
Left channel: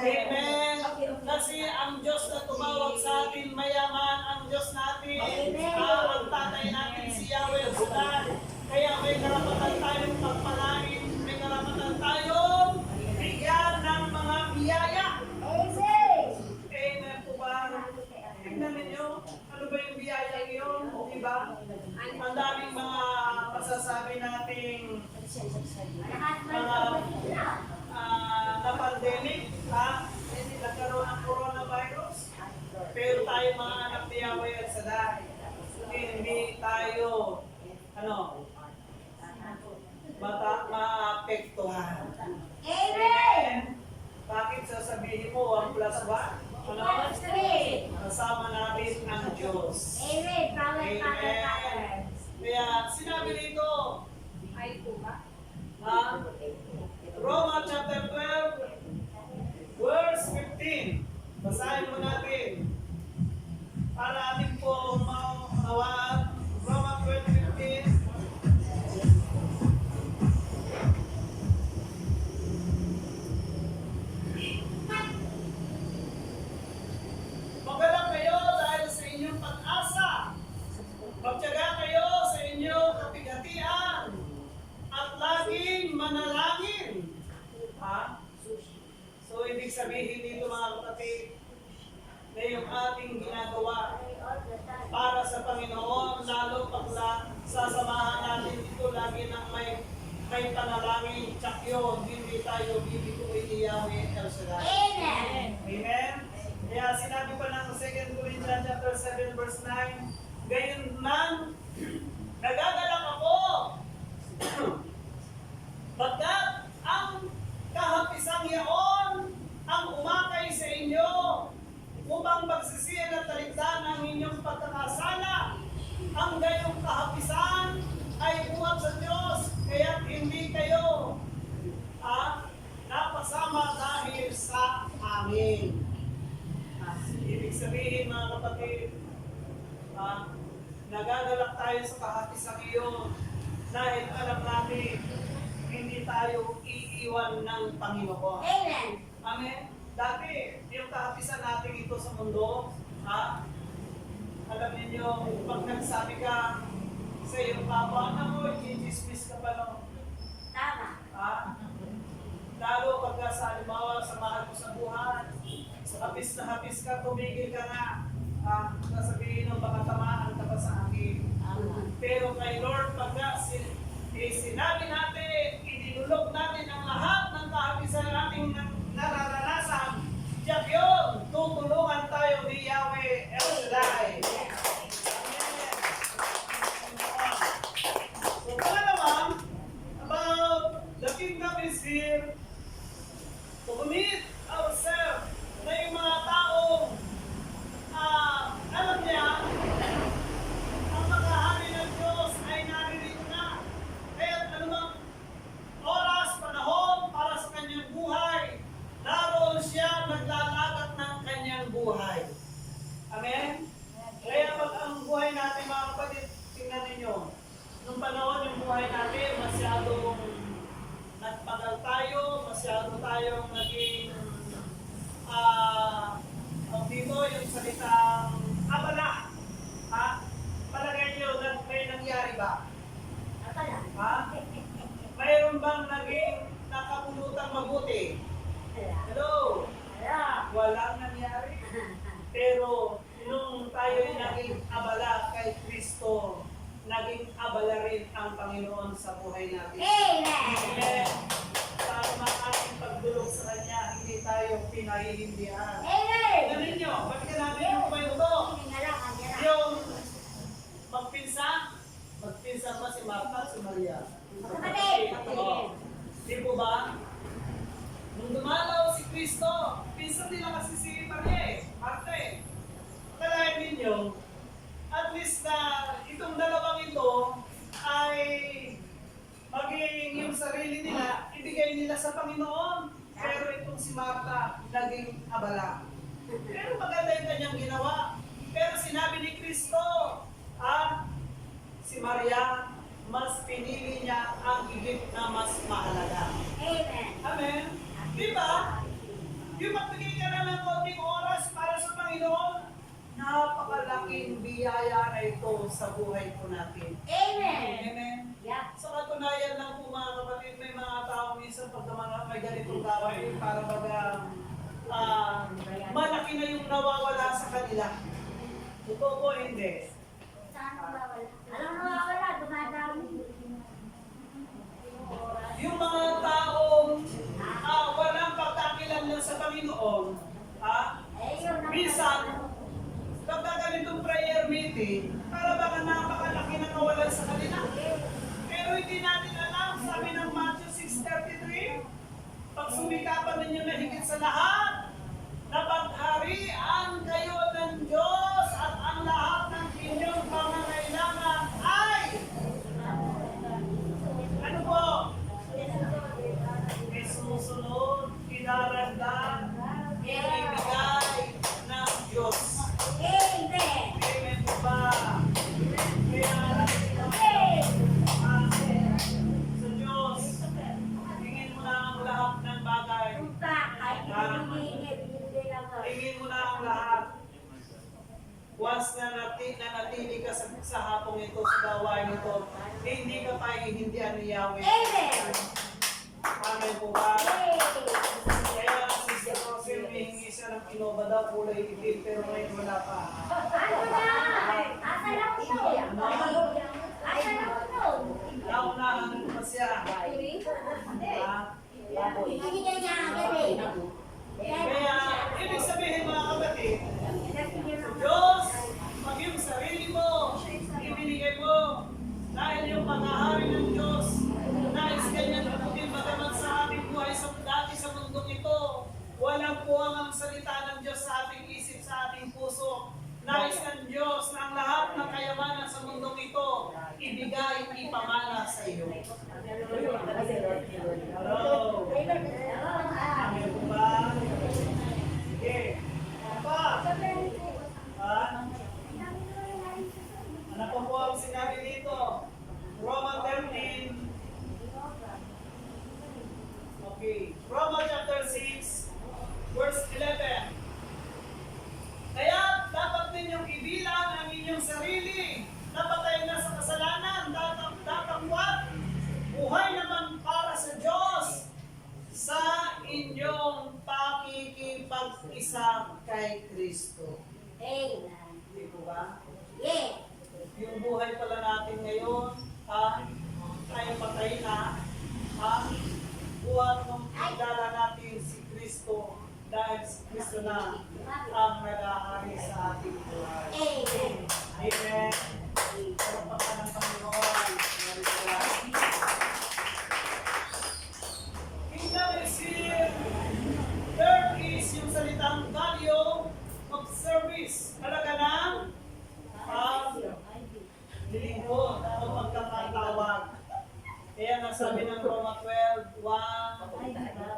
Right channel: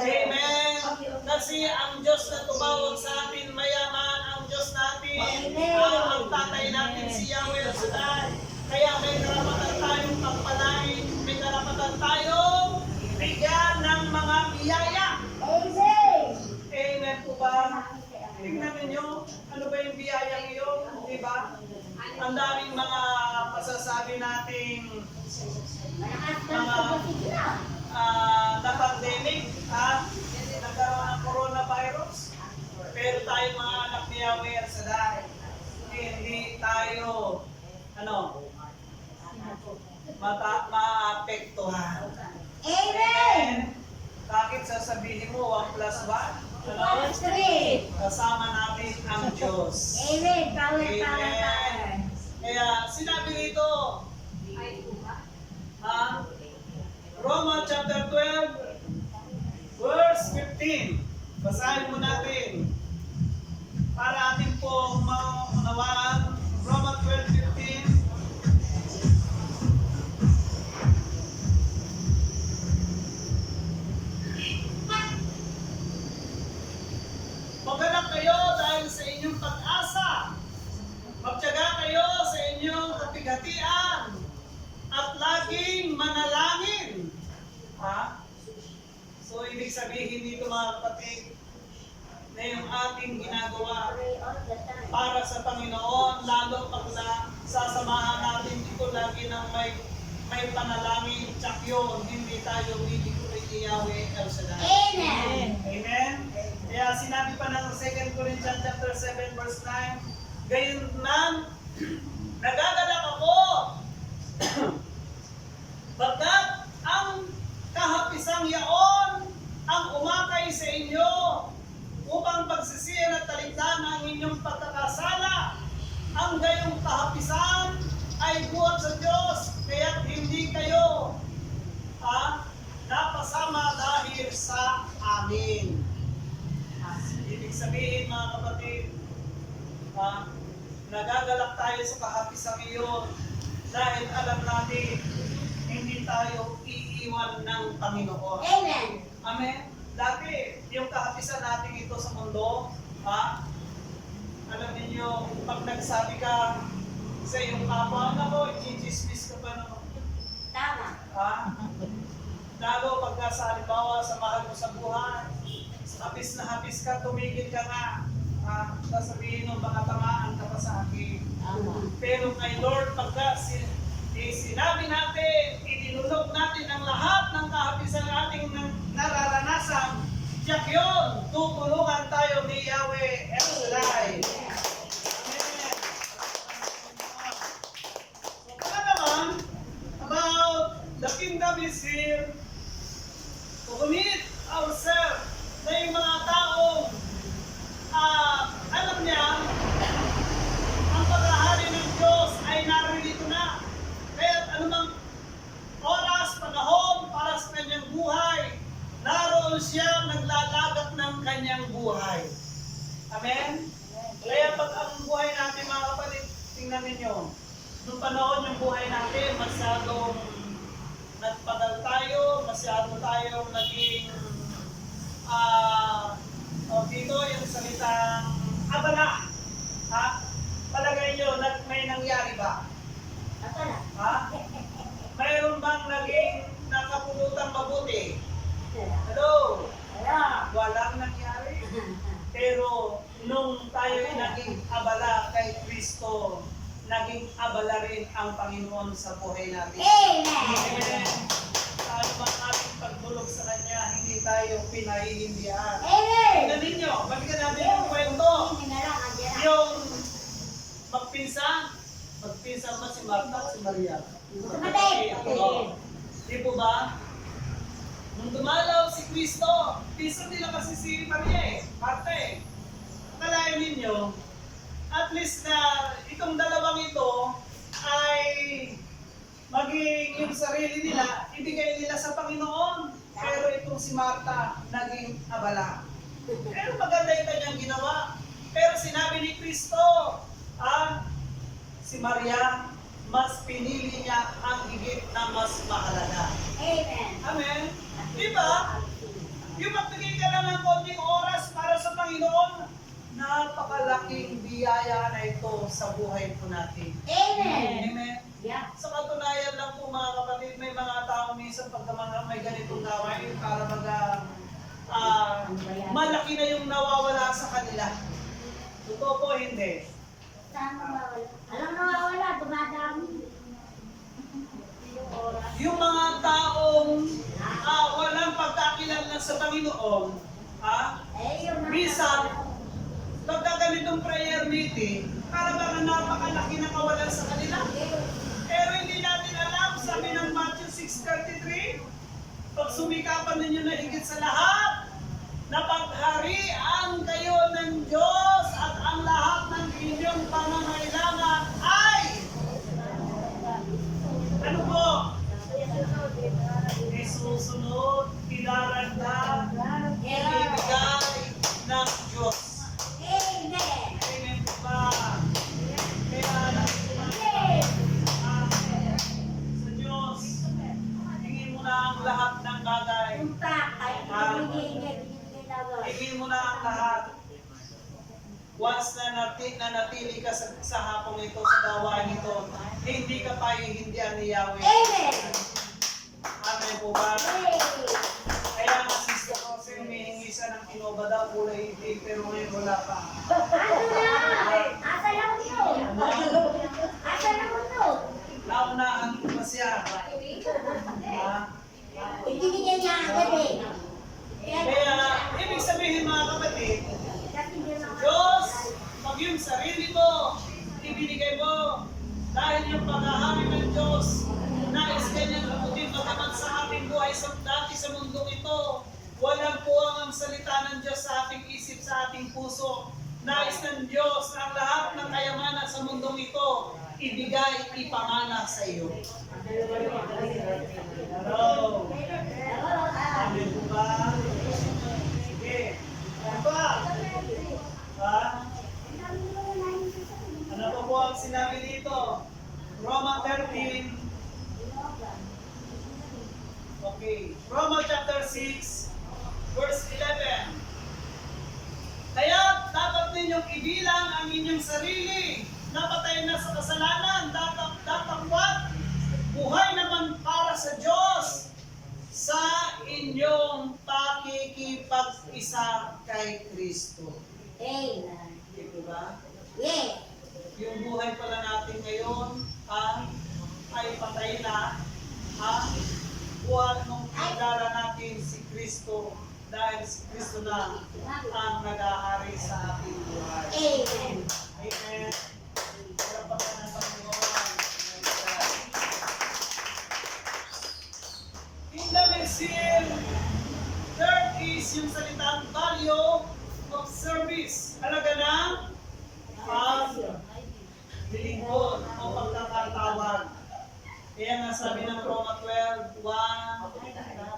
Amen. Kasi ang Diyos na tumawag sa atin, mayaman ang Diyos natin. Ang tatay natin si Yahweh Shaddai. Kaya may karapatan tayong pagpalain, may karapatan tayong bigyan ng mga biyaya. Amen po ba? Tignan ninyo, ano ba yung biyaya ngayon? Diba? Ang daming mga masasabi nating mga na pandemic, nagkaroon ng coronavirus. Power Street. Kasama natin ang Diyos. Amen. Power, Amen. power, power. Kaya sinabi rito, Roma chapter 12, verse 15. Basahin mo natin para ating po maunawaan. Roma 12:15. Magalak kayo dahil sa inyong pag-asa. Magtiyaga kayo sa inyong kapighatian at laging manalangin. Ha? So, ibig sabihin dito mga kapatid, na yung ating ginagawa para sa Panginoon, lalo pag sasamahan natin ito lagi ng may panalangin, tsak yun, hindi tayo bibiguin ni Yahweh El Shaddai. Amen. Amen? Kaya sinabi pa ng 2 Corinthians chapter 7 verse 9, gayon man, nagagalak ako, bagkat ang kahapisang yaon ang umakay sa inyo upang pagsisiyan at talikdan ang inyong pagkakasala. Ang gayong kahapisan ay buhat sa Diyos, kaya hindi kayo napasama dahil sa amin. Ibig sabihin mga kapatid, nagagalak tayo sa kahapisang iyon dahil alam natin hindi tayo iiwan ng Panginoon. Amen. Amen. Dati, yung kahapisan natin ito sa mundo, alam niyo, pag nagsabi ka sa iyong kapwa, nako, i-dismiss ka pa no. Tama. Lalo pagka sa halimbawa sa mahal mo sa buhay, hapis na hapis ka, tumigil ka nga. Sasabihin mo, baka tamaan ka pa sa akin. Pero kay Lord, pagka sinabi natin, idinulog natin ang lahat ng kahapisan ng ating nararanasan, tiyak yun, tutulungan tayo ni Yahweh El Shaddai. Amen. So, para naman, about the kingdom is here to commit ourselves na yung mga taong alam niya, ang paghahari ng Diyos ay naririto na. Kaya anumang oras, panahon para sa kanyang buhay, naroon siya naglalagat ng kanyang buhay. Amen? Kaya pag ang buhay natin mga kapatid, tingnan ninyo, nung panahon yung buhay natin, masyadong nagpagal tayo, masyado tayong naging dito yung salitang abala. Palagay nyo, may nangyari ba? Mayroon bang naging nakapulutang mabuti? Hello? Walang nangyari. Pero nung tayo naging abala kay Kristo, naging abala rin ang Panginoon sa buhay natin. Amen. Amen. Tayo mang ating pagdulog sa Kanya, hindi tayo pinahihindihan. Amen. Tingnan ninyo, balikan natin yung kwento. Yung magpinsan ba si Martha at si Maria? Magkapatid. Oo. Di po ba? Nung dumalaw si Kristo, pinsan nila kasi si Maria Martha Akalain ninyo, at least na itong dalawang ito ay maging yung sarili nila, ibigay nila sa Panginoon. Pero itong si Martha, naging abala. Pero maganda yung kanyang ginawa. Pero sinabi ni Kristo, si Maria, mas pinili niya ang higit na mas mahalaga. Amen. Amen? Di ba? Yung magbigay ka lang ng konting oras para sa Panginoon, napakalaking biyaya na ito sa buhay po natin. Amen. Amen? Yeah. Sa katunayan lang po mga kapatid, may mga tao minsan pagka may ganitong gawain para malaki na yung nawawala sa kanila. Totoo po, hindi. Saan mawawala? Alam mo mawawala, dumadami. Yung mga taong walang pagkakilanlan sa Panginoon, minsan, pagka ganitong prayer meeting, para baka napakalaki na kawalan sa kanila. Pero hindi natin alam, sabi ng Matthew 6:33, pag sumikapan ninyo na higit sa lahat, na pagharian once na nanatili ka sa hapong ito, sa gawain ito, hindi ka pahihindihan ni Yahweh. Amen. Amen po ba? Kaya nga Sister Rosy, humihingi siya ng Innova daw, kulay itim, pero ngayon wala pa. Asa lang ito? Asa lang ito? Naunahan ko pa siya. Ha? Hindi niya agad eh. Kaya, ibig sabihin mga kapatid, Diyos, pag yung sarili mo, ibinigay mo, dahil yung paghahari ng Diyos, nais kanyang abutin magamat sa ating buhay sa dati sa mundong ito. Walang puwang ang salita ng Diyos sa ating isip, sa ating puso. Nais ng Diyos na ang lahat ng kayamanan sa mundong ito, ibigay, ipamana sa iyo. Hello. Amen po ba? Sige. Ano pa? Ha? Ano pa po ang sinabi dito? Roma 13. Okay. Roma chapter 6, verse 11. Kaya dapat ninyong ibilang ang inyong sarili na patay na sa kasalanan, datapwat, buhay naman para sa Diyos sa inyong pakikipag-isa kay Kristo. Amen. Hindi po ba? Yeah. Yung buhay pala natin ngayon, ay patay na, buhat nung kilala natin si Kristo, dahil si Kristo na ang nag-ahari sa ating buhay. Amen. Amen. Salamat ng Panginoon. Kingdom is here. Third is yung salitang value of service. Halaga ng paglilingkod o pagkakatawag. Kaya nga sabi ng Roma 12:1,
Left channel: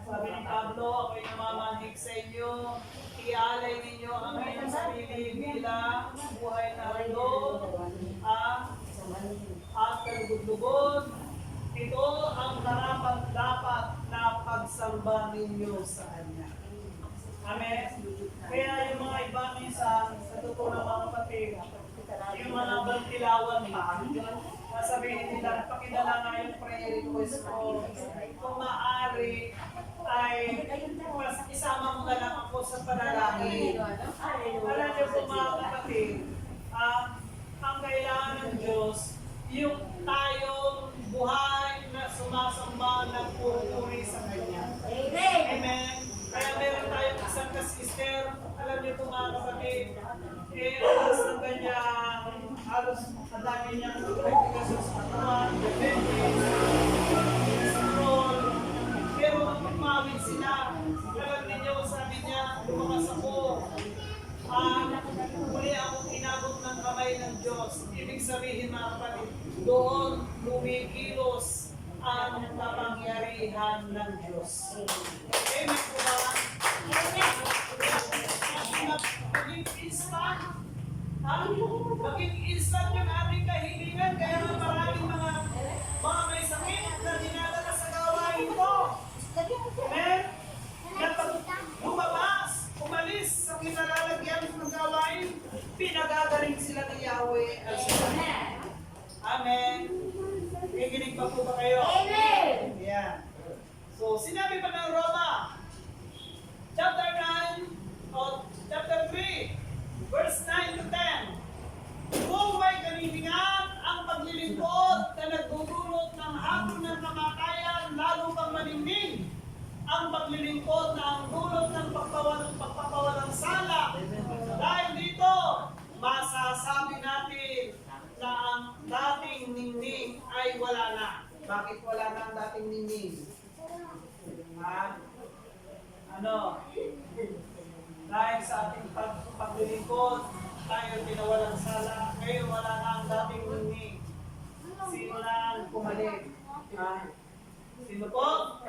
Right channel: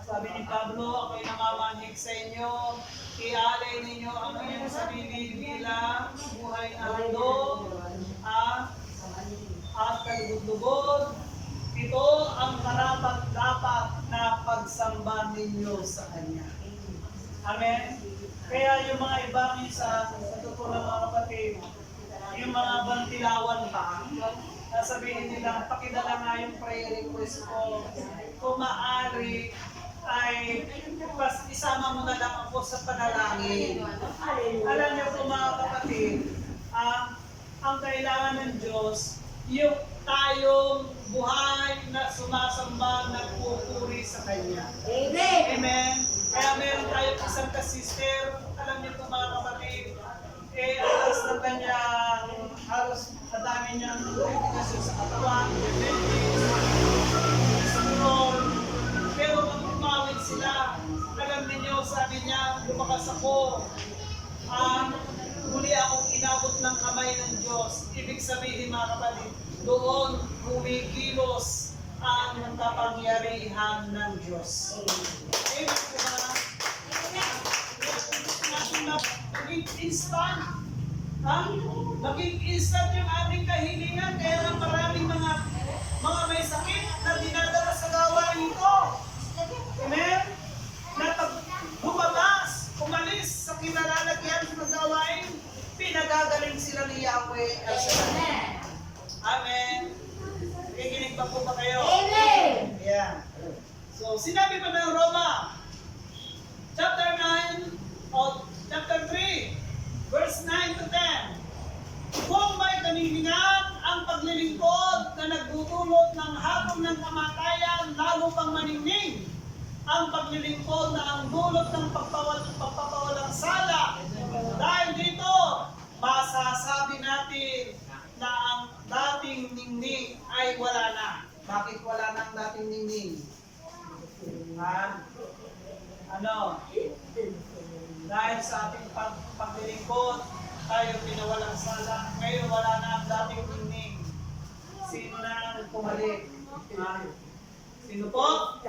sabi ni Pablo, ako'y namamanhik sa inyo, ialay ninyo ang inyong sarili bilang buhay na handog at kalugod-lugod. Ito ang karapat-dapat na pagsamba ninyo sa Kanya. Amen? Kaya yung mga ibang minsan, sa totoo ng mga kapatid, yung mga bantilawan pa, sabihin nilang, pakidala nga yung prayer request ko. Kung maaari, ay isama mo na lang ako sa panalangin. Alam niyo po mga kapatid, ang kailangan ng Diyos, yung tayong buhay na sumasamba, nagpupuri sa Kanya. Amen. Amen. Kaya meron tayong isang kasister, alam niyo po mga kapatid, alas ng kanyang, halos ang dami niyang komplikasyon sa katawan, diabetes, cholesterol, pero nung umawit sila, alam niyo, sabi niya, lumakas ako, muli akong inabot ng kamay ng Diyos. Ibig sabihin mga kapatid, doon kumikilos ang kapangyarihan ng Diyos. Amen po ba? Maging instant. Maging instant yung ating kahilingan. Kaya nga maraming mga may sakit na dinadala sa gawain ko. Amen? Na pag lumabas, umalis sa kinalalagyan ng gawain, pinagagaling sila ni Yahweh al Shaddai. Amen. Kikinig pa po ba kayo? Amen. Yeah. So, sinabi pa ng Roma, chapter 9, o chapter 3, verse 9 to 10. Kung may kanilingan ang paglilingkod na nagdudulot ng hatol ng kamatayan, lalo pang maningning, ang paglilingkod na ang dulot ng pagpapawalang sala. Dahil dito, masasabi natin na ang dating ningning ay wala na. Bakit wala na ang dating ningning? Dahil sa ating paglilingkod, tayo pinawalang sala. Ngayon wala na ang dating ningning. Sino na ang pumalit? Sino po?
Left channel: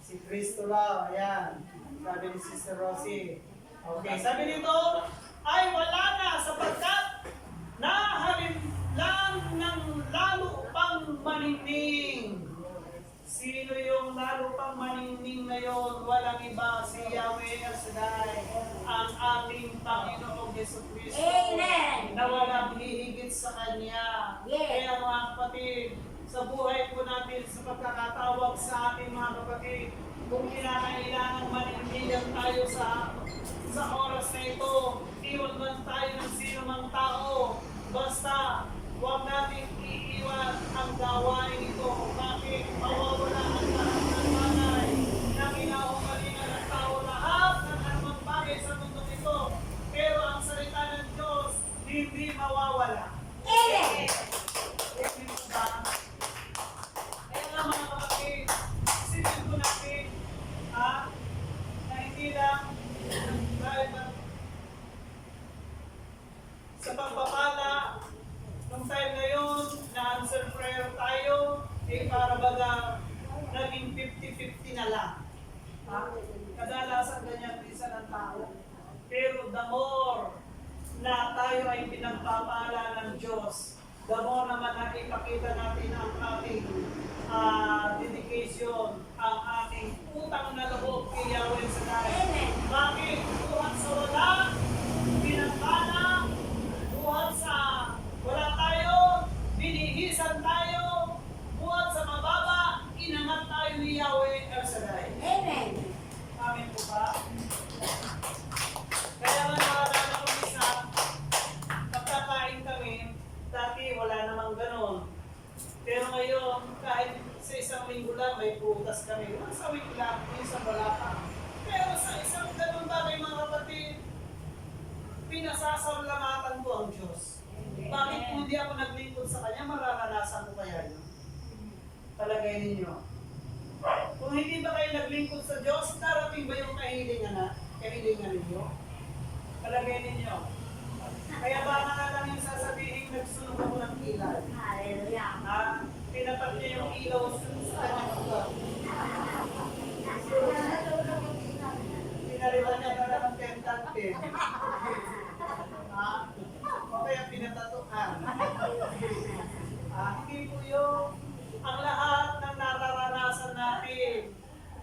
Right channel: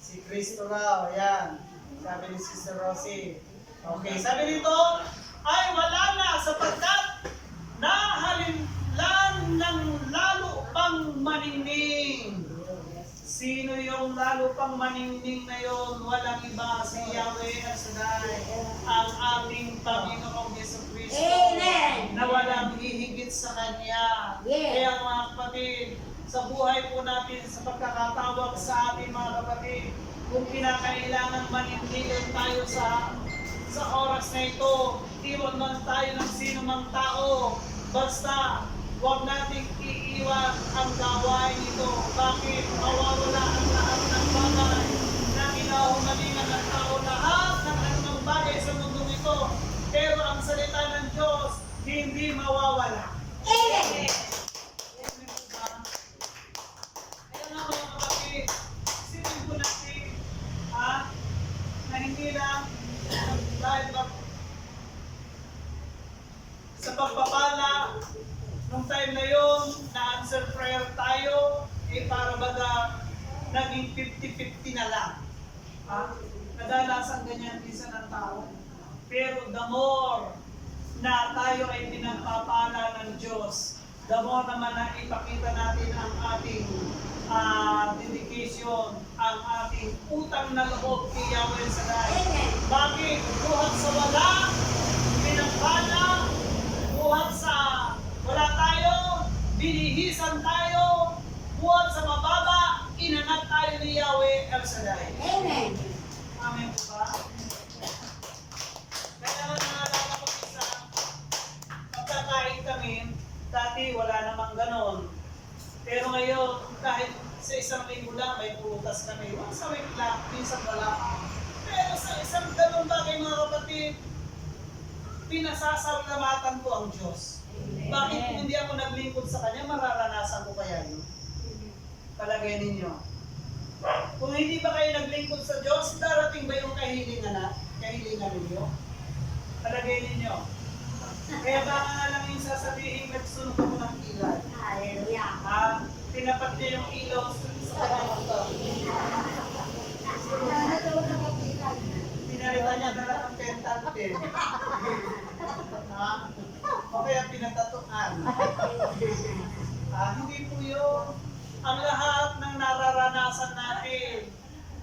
Si Kristo raw. Ayan. Sabi ni Sister Rosie. Okay, sabi dito, ay wala na sapagkat nahalimlan ng lalo pang maningning. Sino yung lalo pang maningning na yon? Walang iba, si Yahweh al Shaddai, ang ating Panginoong Yesu Kristo. Amen. sa Kanya. Yes. Kaya mga kapatid, sa buhay po natin, sa pagkakatawag sa ating mga kapatid, kung kinakailangan manindigan tayo sa oras na ito, iwan man tayo ng sino mang tao, basta huwag nating iiwan ang gawain ito. Bakit? Mawawala ang lahat ng bagay na kinahumalingan ng tao, lahat ng anumang bagay sa mundong ito. Pero ang salita ng Diyos, hindi mawawala. Amen. Amen po ba? Kaya nga mga kapatid, isipin po natin, na hindi lang dahil sa pagpapala, nung time na yun, na-answer prayer tayo, para baga naging 50-50 na lang. Kadalasan ganyan bisa ng tao. Pero the more na tayo ay pinagpapala ng Diyos, the more naman na ipakita natin ang ating dedication, ang ating utang na loob kay Yahweh Shaddai. Bakit? Buhat sa wala, pinagpala, buhat sa wala tayo, binihisan tayo, buhat sa mababa, inangat tayo ni Yahweh El Shaddai. Amen. Amen po ba? Kaya nga naalala ko isa, pagkakain kami, dati wala namang ganon. Pero ngayon, kahit sa isang linggo lang may prutas kami, once a week lang, minsan wala pa. Pero sa isang ganong bagay mga kapatid, pinasasalamatan ko ang Diyos. Bakit kung hindi ako naglingkod sa Kanya, mararanasan ko kaya yun? Palagay ninyo. Kung hindi ba kayo naglingkod sa Diyos, darating ba yung kahilingan ninyo? Palagay ninyo. Kaya baka nga lang yung sasabihin, nagsunog ako ng kilay. Hallelujah. Pinapat niya yung ilaw sa kanyang motor. Pinalitan niya na lang ng pentante. O kaya pinatatuan. Hindi po yun. Ang lahat ng nararanasan natin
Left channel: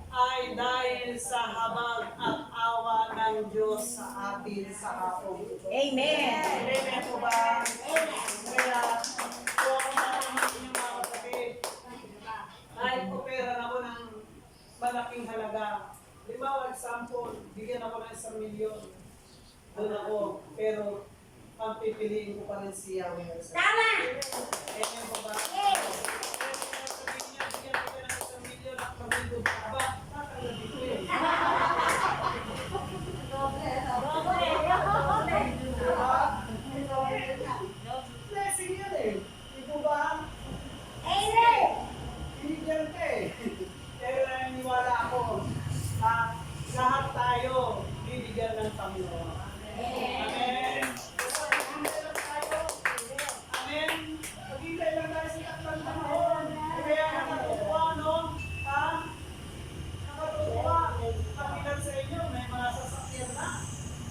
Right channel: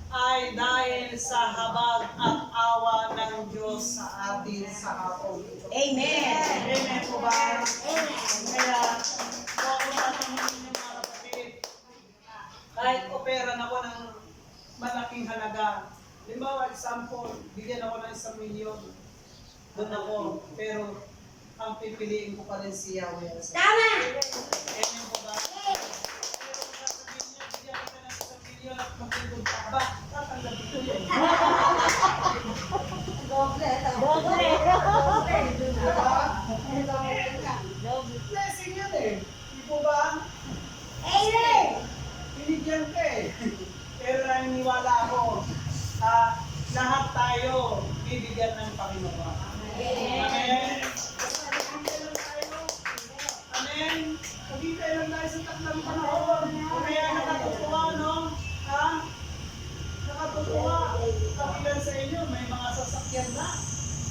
ay dahil sa habag at awa ng Diyos sa atin sa hapon ito. Amen. Amen po ba? Kaya, huwag mo natin yung mga kapatid. Kahit operan ako ng malaking halaga. Halimbawa, example, bigyan ako ng 1 milyon. Doon ako, pero ang pipiliin ko pa rin si Yahweh. Tama. Amen po ba? Pero kung sabihin niya, bigyan ko ng 1 milyon at maglingkod ka ba? Tatanggapin ko yun. Blessing yan eh. Di po ba? Amen. Binigyan ka eh. Pero naniniwala ako, lahat tayo bibigyan ng Panginoon. Amen. Maghintay lang tayo. Amen. Maghintay lang tayo sa takdang panahon. Kaya nakatutuwa, no? Nakatutuwa. Ang ilan sa inyo, may mga sasakyan na.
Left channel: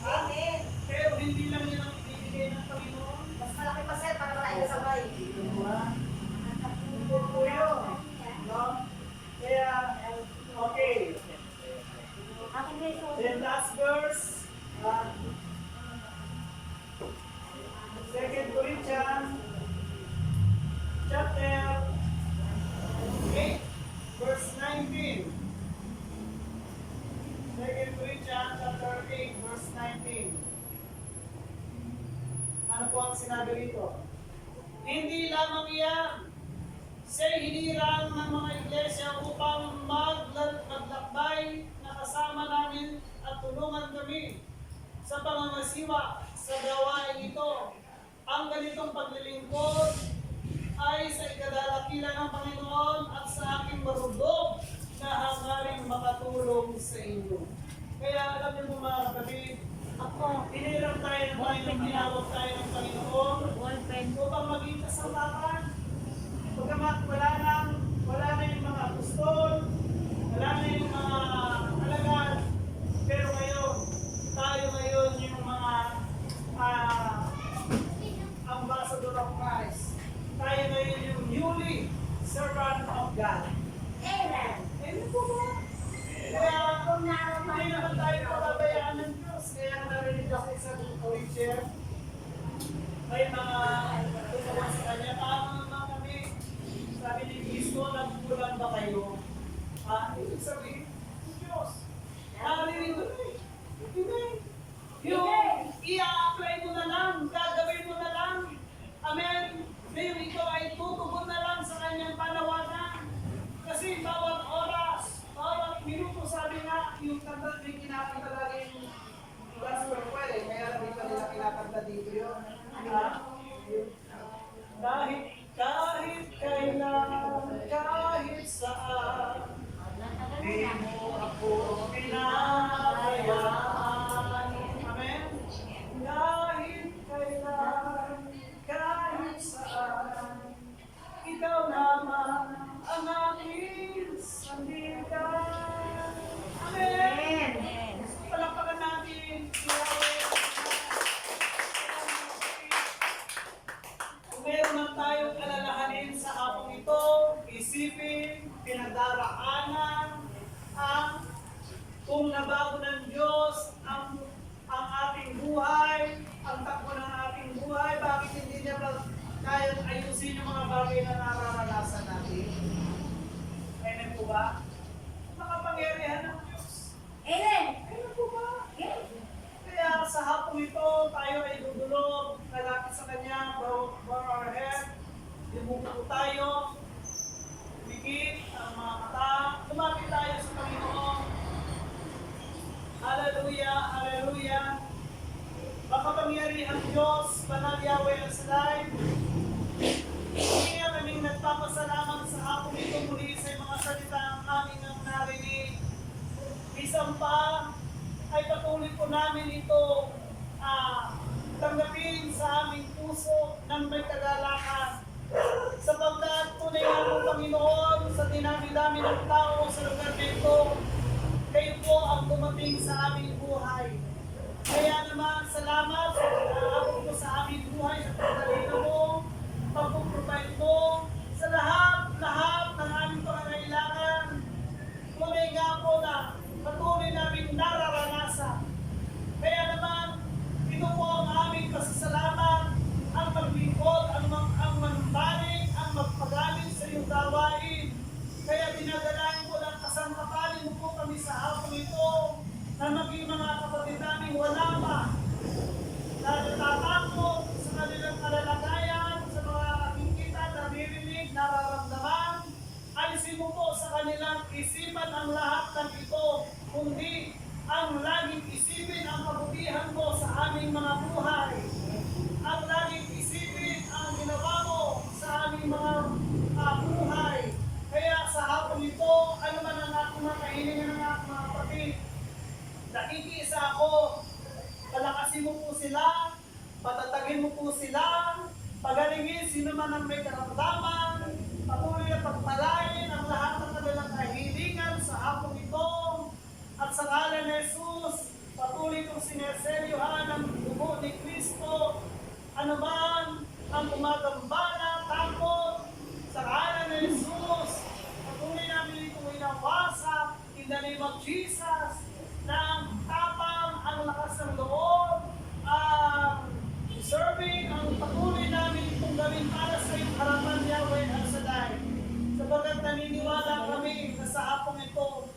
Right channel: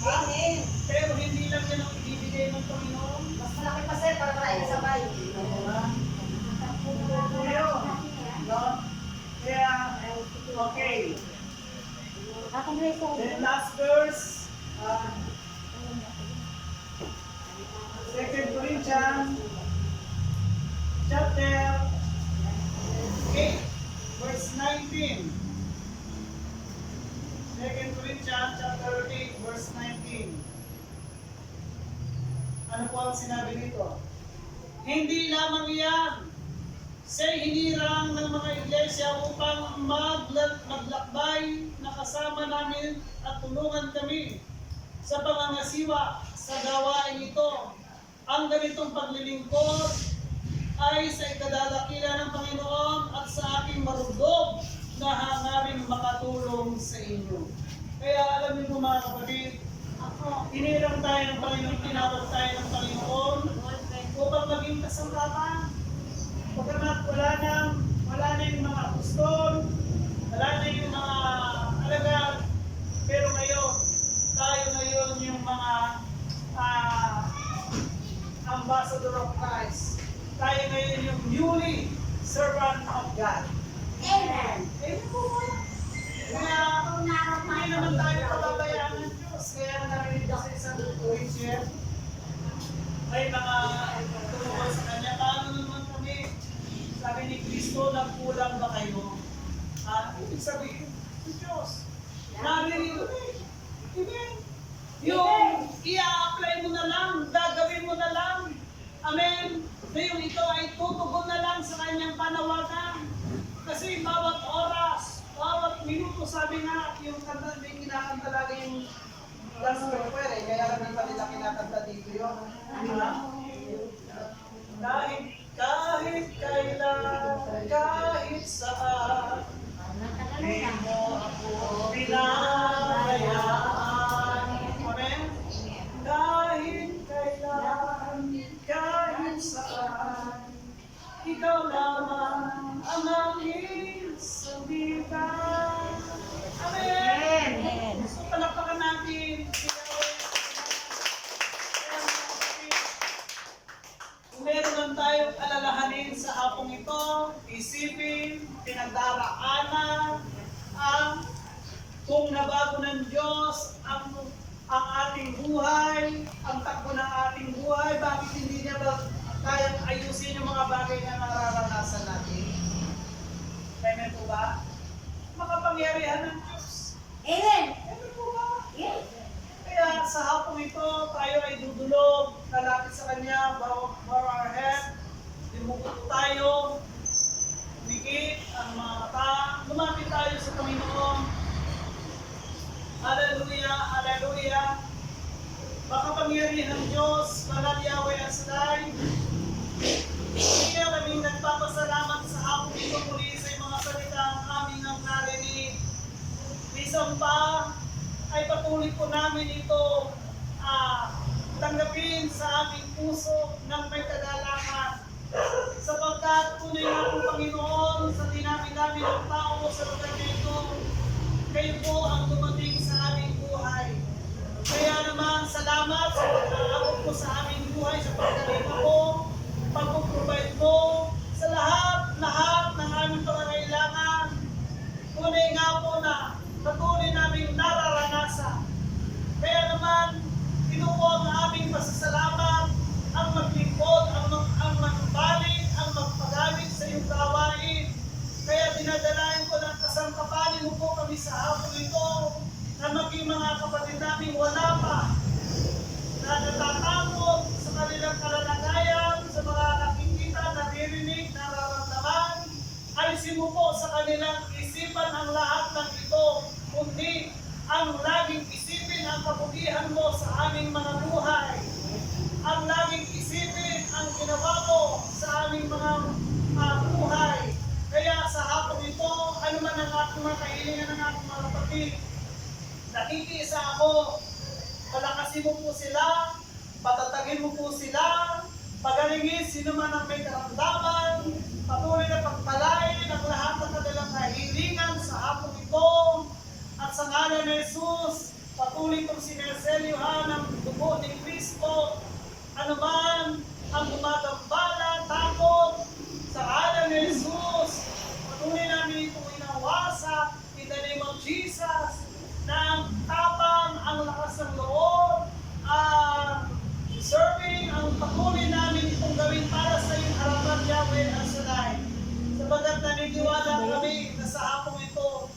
Amen. Pero hindi lang yan ang ibibigay ng Panginoon. Mas malaki pa sir para tayo sabay. Po yun. No? Kaya, okay. Then last verse, 2 Corinthians chapter 8, verse 19. 2 Corinthians chapter 8, verse 19. Ano po ang sinabi dito? Hindi lamang iyan, siya'y hinirang ng mga iglesia upang maglakbay na kasama namin at tulungan kami sa pangangasiwa sa gawain ito. Ang ganitong paglilingkod ay sa ikadalakilan ng Panginoon at sa aking marudog na hangaring makatulong sa inyo. Kaya alam niyo po mga kapatid, hinirang tayo ng Panginoon, tinawag tayo ng Panginoon upang maging kasangkapan. Pagkamat wala na yung mga apostol, wala na yung mga alagad, pero ngayon, tayo ngayon yung mga ambassador of Christ. Tayo ngayon yung newly servant of God. Amen. Amen po ba? Kaya, hindi naman tayo pababayaan ng Diyos. Kaya narinig ko sa isang preacher, may mga i-apply mo na lang, gagawin mo na lang. Amen. Na yung ikaw ay tutugon na lang sa kanyang panawagan. Kasi bawat oras, bawat minuto, sabi nga, yung kanta, may kinakanta lagi yung gospel choir eh, kaya lang di pa nila kinakanta dito yun. Kahit kailan, kahit saan, di mo ako pinabayaan. Amen? Kahit kailan, kahit saan, ikaw lamang ang aking sandigan. Amen! So, palakpakan natin si Yahweh. Kung meron man tayong alalahanin sa hapong ito, isipin, pinagdaraanan, kung nabago ng Diyos ang ating buhay, ang takbo ng ating buhay, bakit hindi niya ba kayang ayusin yung mga bagay na nararanasan natin? Amen po ba? Makapangyarihan ng Diyos. Amen. Amen po ba? Yes. Kaya sa hapong ito, tayo ay dudulog, kalapit sa Kanya, bow our head, limuto tayo, umikit ang mga mata, lumapit tayo sa Panginoon. Hallelujah, hallelujah. Makapangyarihang Diyos, Banal Yahweh ang Sadai. Hindi nga kaming nagpapasalamat sa hapong ito muli sa mga salitang aming ang narinig. Isang pa ay patuloy po namin ito tanggapin sa aming puso ng may kagalangan. Sapagkat tunay nga po Panginoon sa dinami-dami ng tao sa lugar nito, kayo po ang dumating sa aming buhay. Kaya naman, salamat sa pag-aabot mo sa aming buhay, sa pagkalita mo, pag-provide mo, sa lahat ng aming pangangailangan. Tunay nga po na patuloy namin nararanasan. Kaya naman, ito po ang aming pasasalamat, ang maglingkod, ang magbalik, ang magpagamit sa iyong gawain. Kaya dinadalayan ko ng kasangkapanin mo po kami sa hapon ito na maging mga kapatid namin wala pa na natatakot sa kanilang kalalagayan, sa mga nakikita, naririnig, nararamdaman. Alisin mo po sa kanilang isipan ang lahat ng ito, kundi ang laging isipin ang kabutihan mo sa aming mga buhay. Ang laging isipin ang ginawa mo sa aming mga buhay. Kaya sa hapon ito, ano man ang aking mga kahilingan ng aking mga kapatid, nakikiisa ako, palakasin mo po sila, patatagin mo po sila, pagalingin sino man ang may karamdaman, patuloy na pagpalain ang lahat ng kanilang kahilingan sa hapon ito, at sa ngalan ni Jesus, patuloy kong sineselyohan ang dugo ni Kristo, ano man ang gumagambala, takot, sa ngalan ni Jesus, patuloy namin itong inawasak in the name of Jesus, na ang tapang, ang lakas ng loob, serving, ang patuloy namin itong gawin para sa iyong harapan, Yahweh ang Shaddai. Sabagat naniniwala kami na sa hapong ito,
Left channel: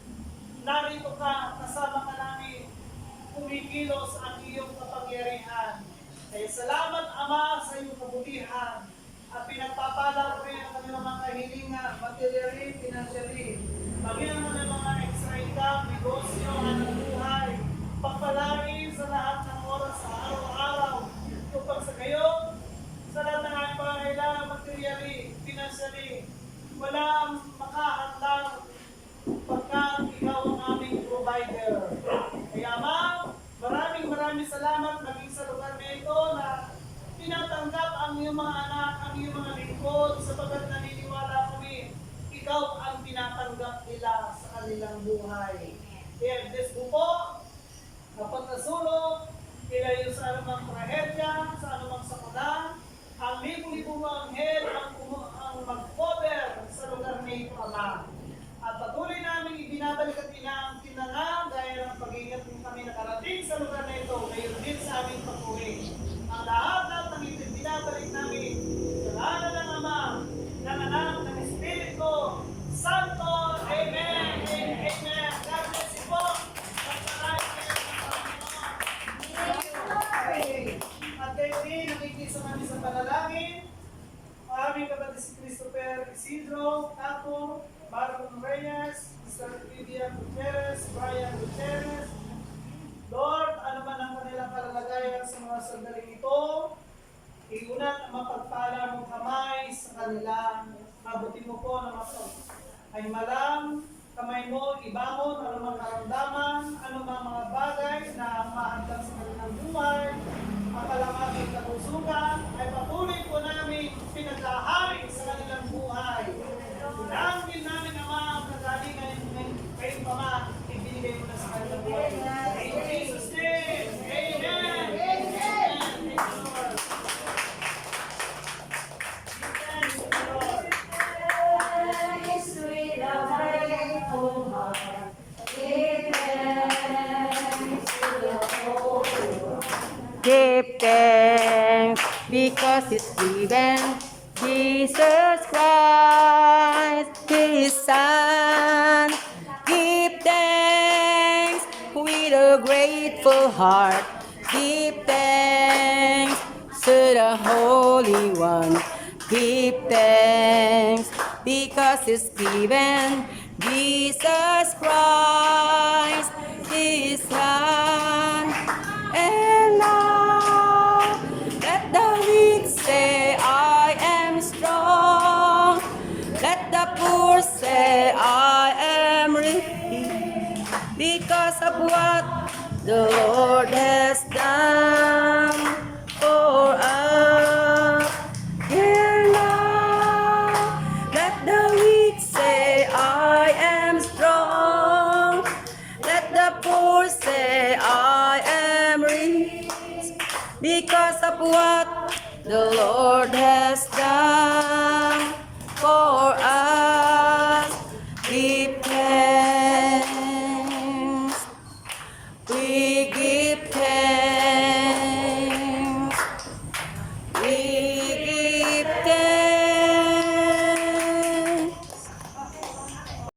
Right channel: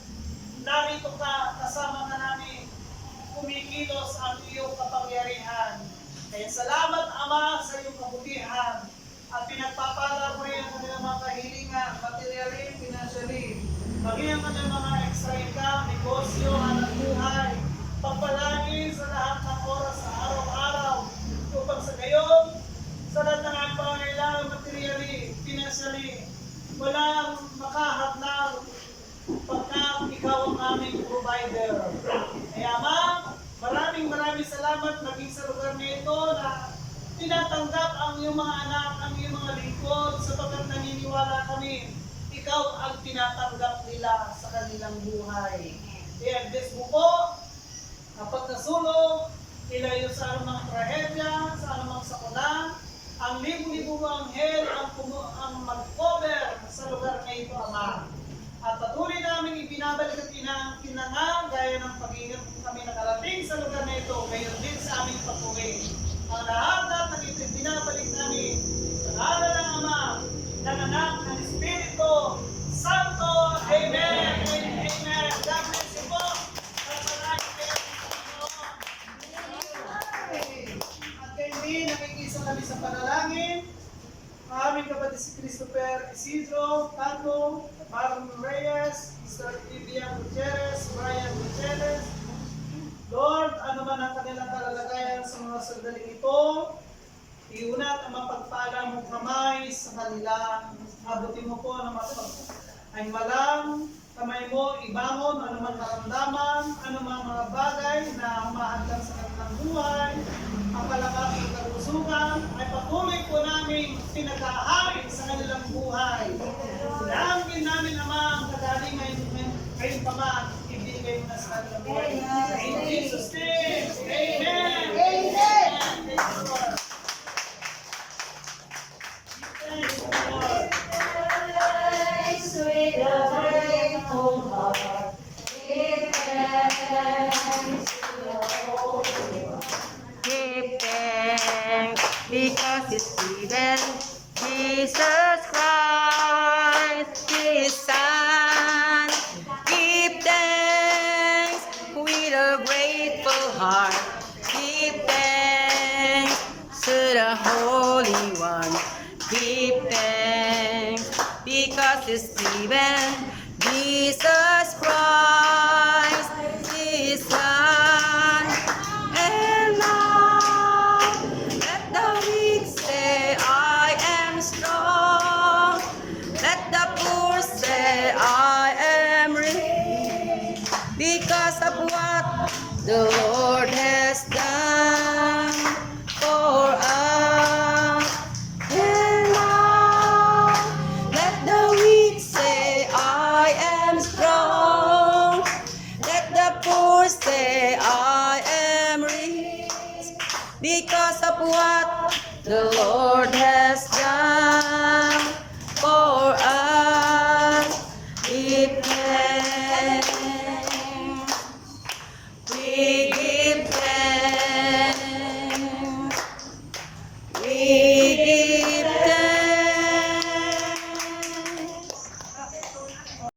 narito ka, kasama ka namin, kumikilos ang iyong kapangyarihan. Kaya salamat, Ama, sa iyong kabutihan at pinagpapala ko rin ang kanilang mga kahilingan, materially, financially, maging ang kanilang mga extra income, negosyo, hanap buhay, pagpalagi sa lahat ng oras sa araw-araw, upang sa gayon, sa lahat ng aking pangangailangan, materially, financially, walang makahadlang pagkat ikaw ang aming provider. Kaya ma'am, maraming salamat maging sa lugar na ito na tinatanggap ang iyong mga anak, ang iyong mga lingkod, sapagkat naniniwala kami, ikaw ang tinatanggap nila sa kanilang buhay. Kaya bless mo po, kapag nasulog, ilayo sa anumang trahedya, sa anumang sakuna, ang libo-libo ang head ang mag-cover sa lugar na ito, Ama. At patuloy namin ibinabalik at kinanga gaya ng pag-ingat kami nakarating sa lugar na ito, gayon din sa aming patuloy. Ang lahat ng ito binabalik namin sa ngalan ng Ama, ng Anak, ng Espiritu Santo. Amen and amen. God bless you po. At maraming kayo ng Panginoon. isa kami sa panalangin. Ang aming kapatid si Christopher Isidro, Tato, Marlon Reyes, Mr. Vivian Gutierrez, Brian Gutierrez. Lord, ano man ang kanilang kalalagayan sa mga sandaling ito, iunat ang mapagpala mong kamay sa kanila. Abutin mo po na ay malang kamay mo, ibangon, anumang karamdaman, anumang mga bagay na humahantang sa kanilang buhay, ang palakas at kalusugan, ay patuloy po namin pinag-ahari sa kanilang buhay. Dalangin namin, Ama, ang kagalingan kayong Pama, ibigay mo na sa kanilang buhay. In Jesus' name, Amen! Amen! Thank you, Lord. Thank you, Lord. Give thanks because it's given Jesus Christ, His Son. Give thanks with a grateful heart. Give thanks to the Holy One. Give thanks because it's given Jesus Christ, His Son. And now let the weak say, I am strong. Let the poor say, I am rich. Because of what the Lord has done for us. And now let the weak say, I am strong. Let the poor say, I am rich. Because of what the Lord has done for us.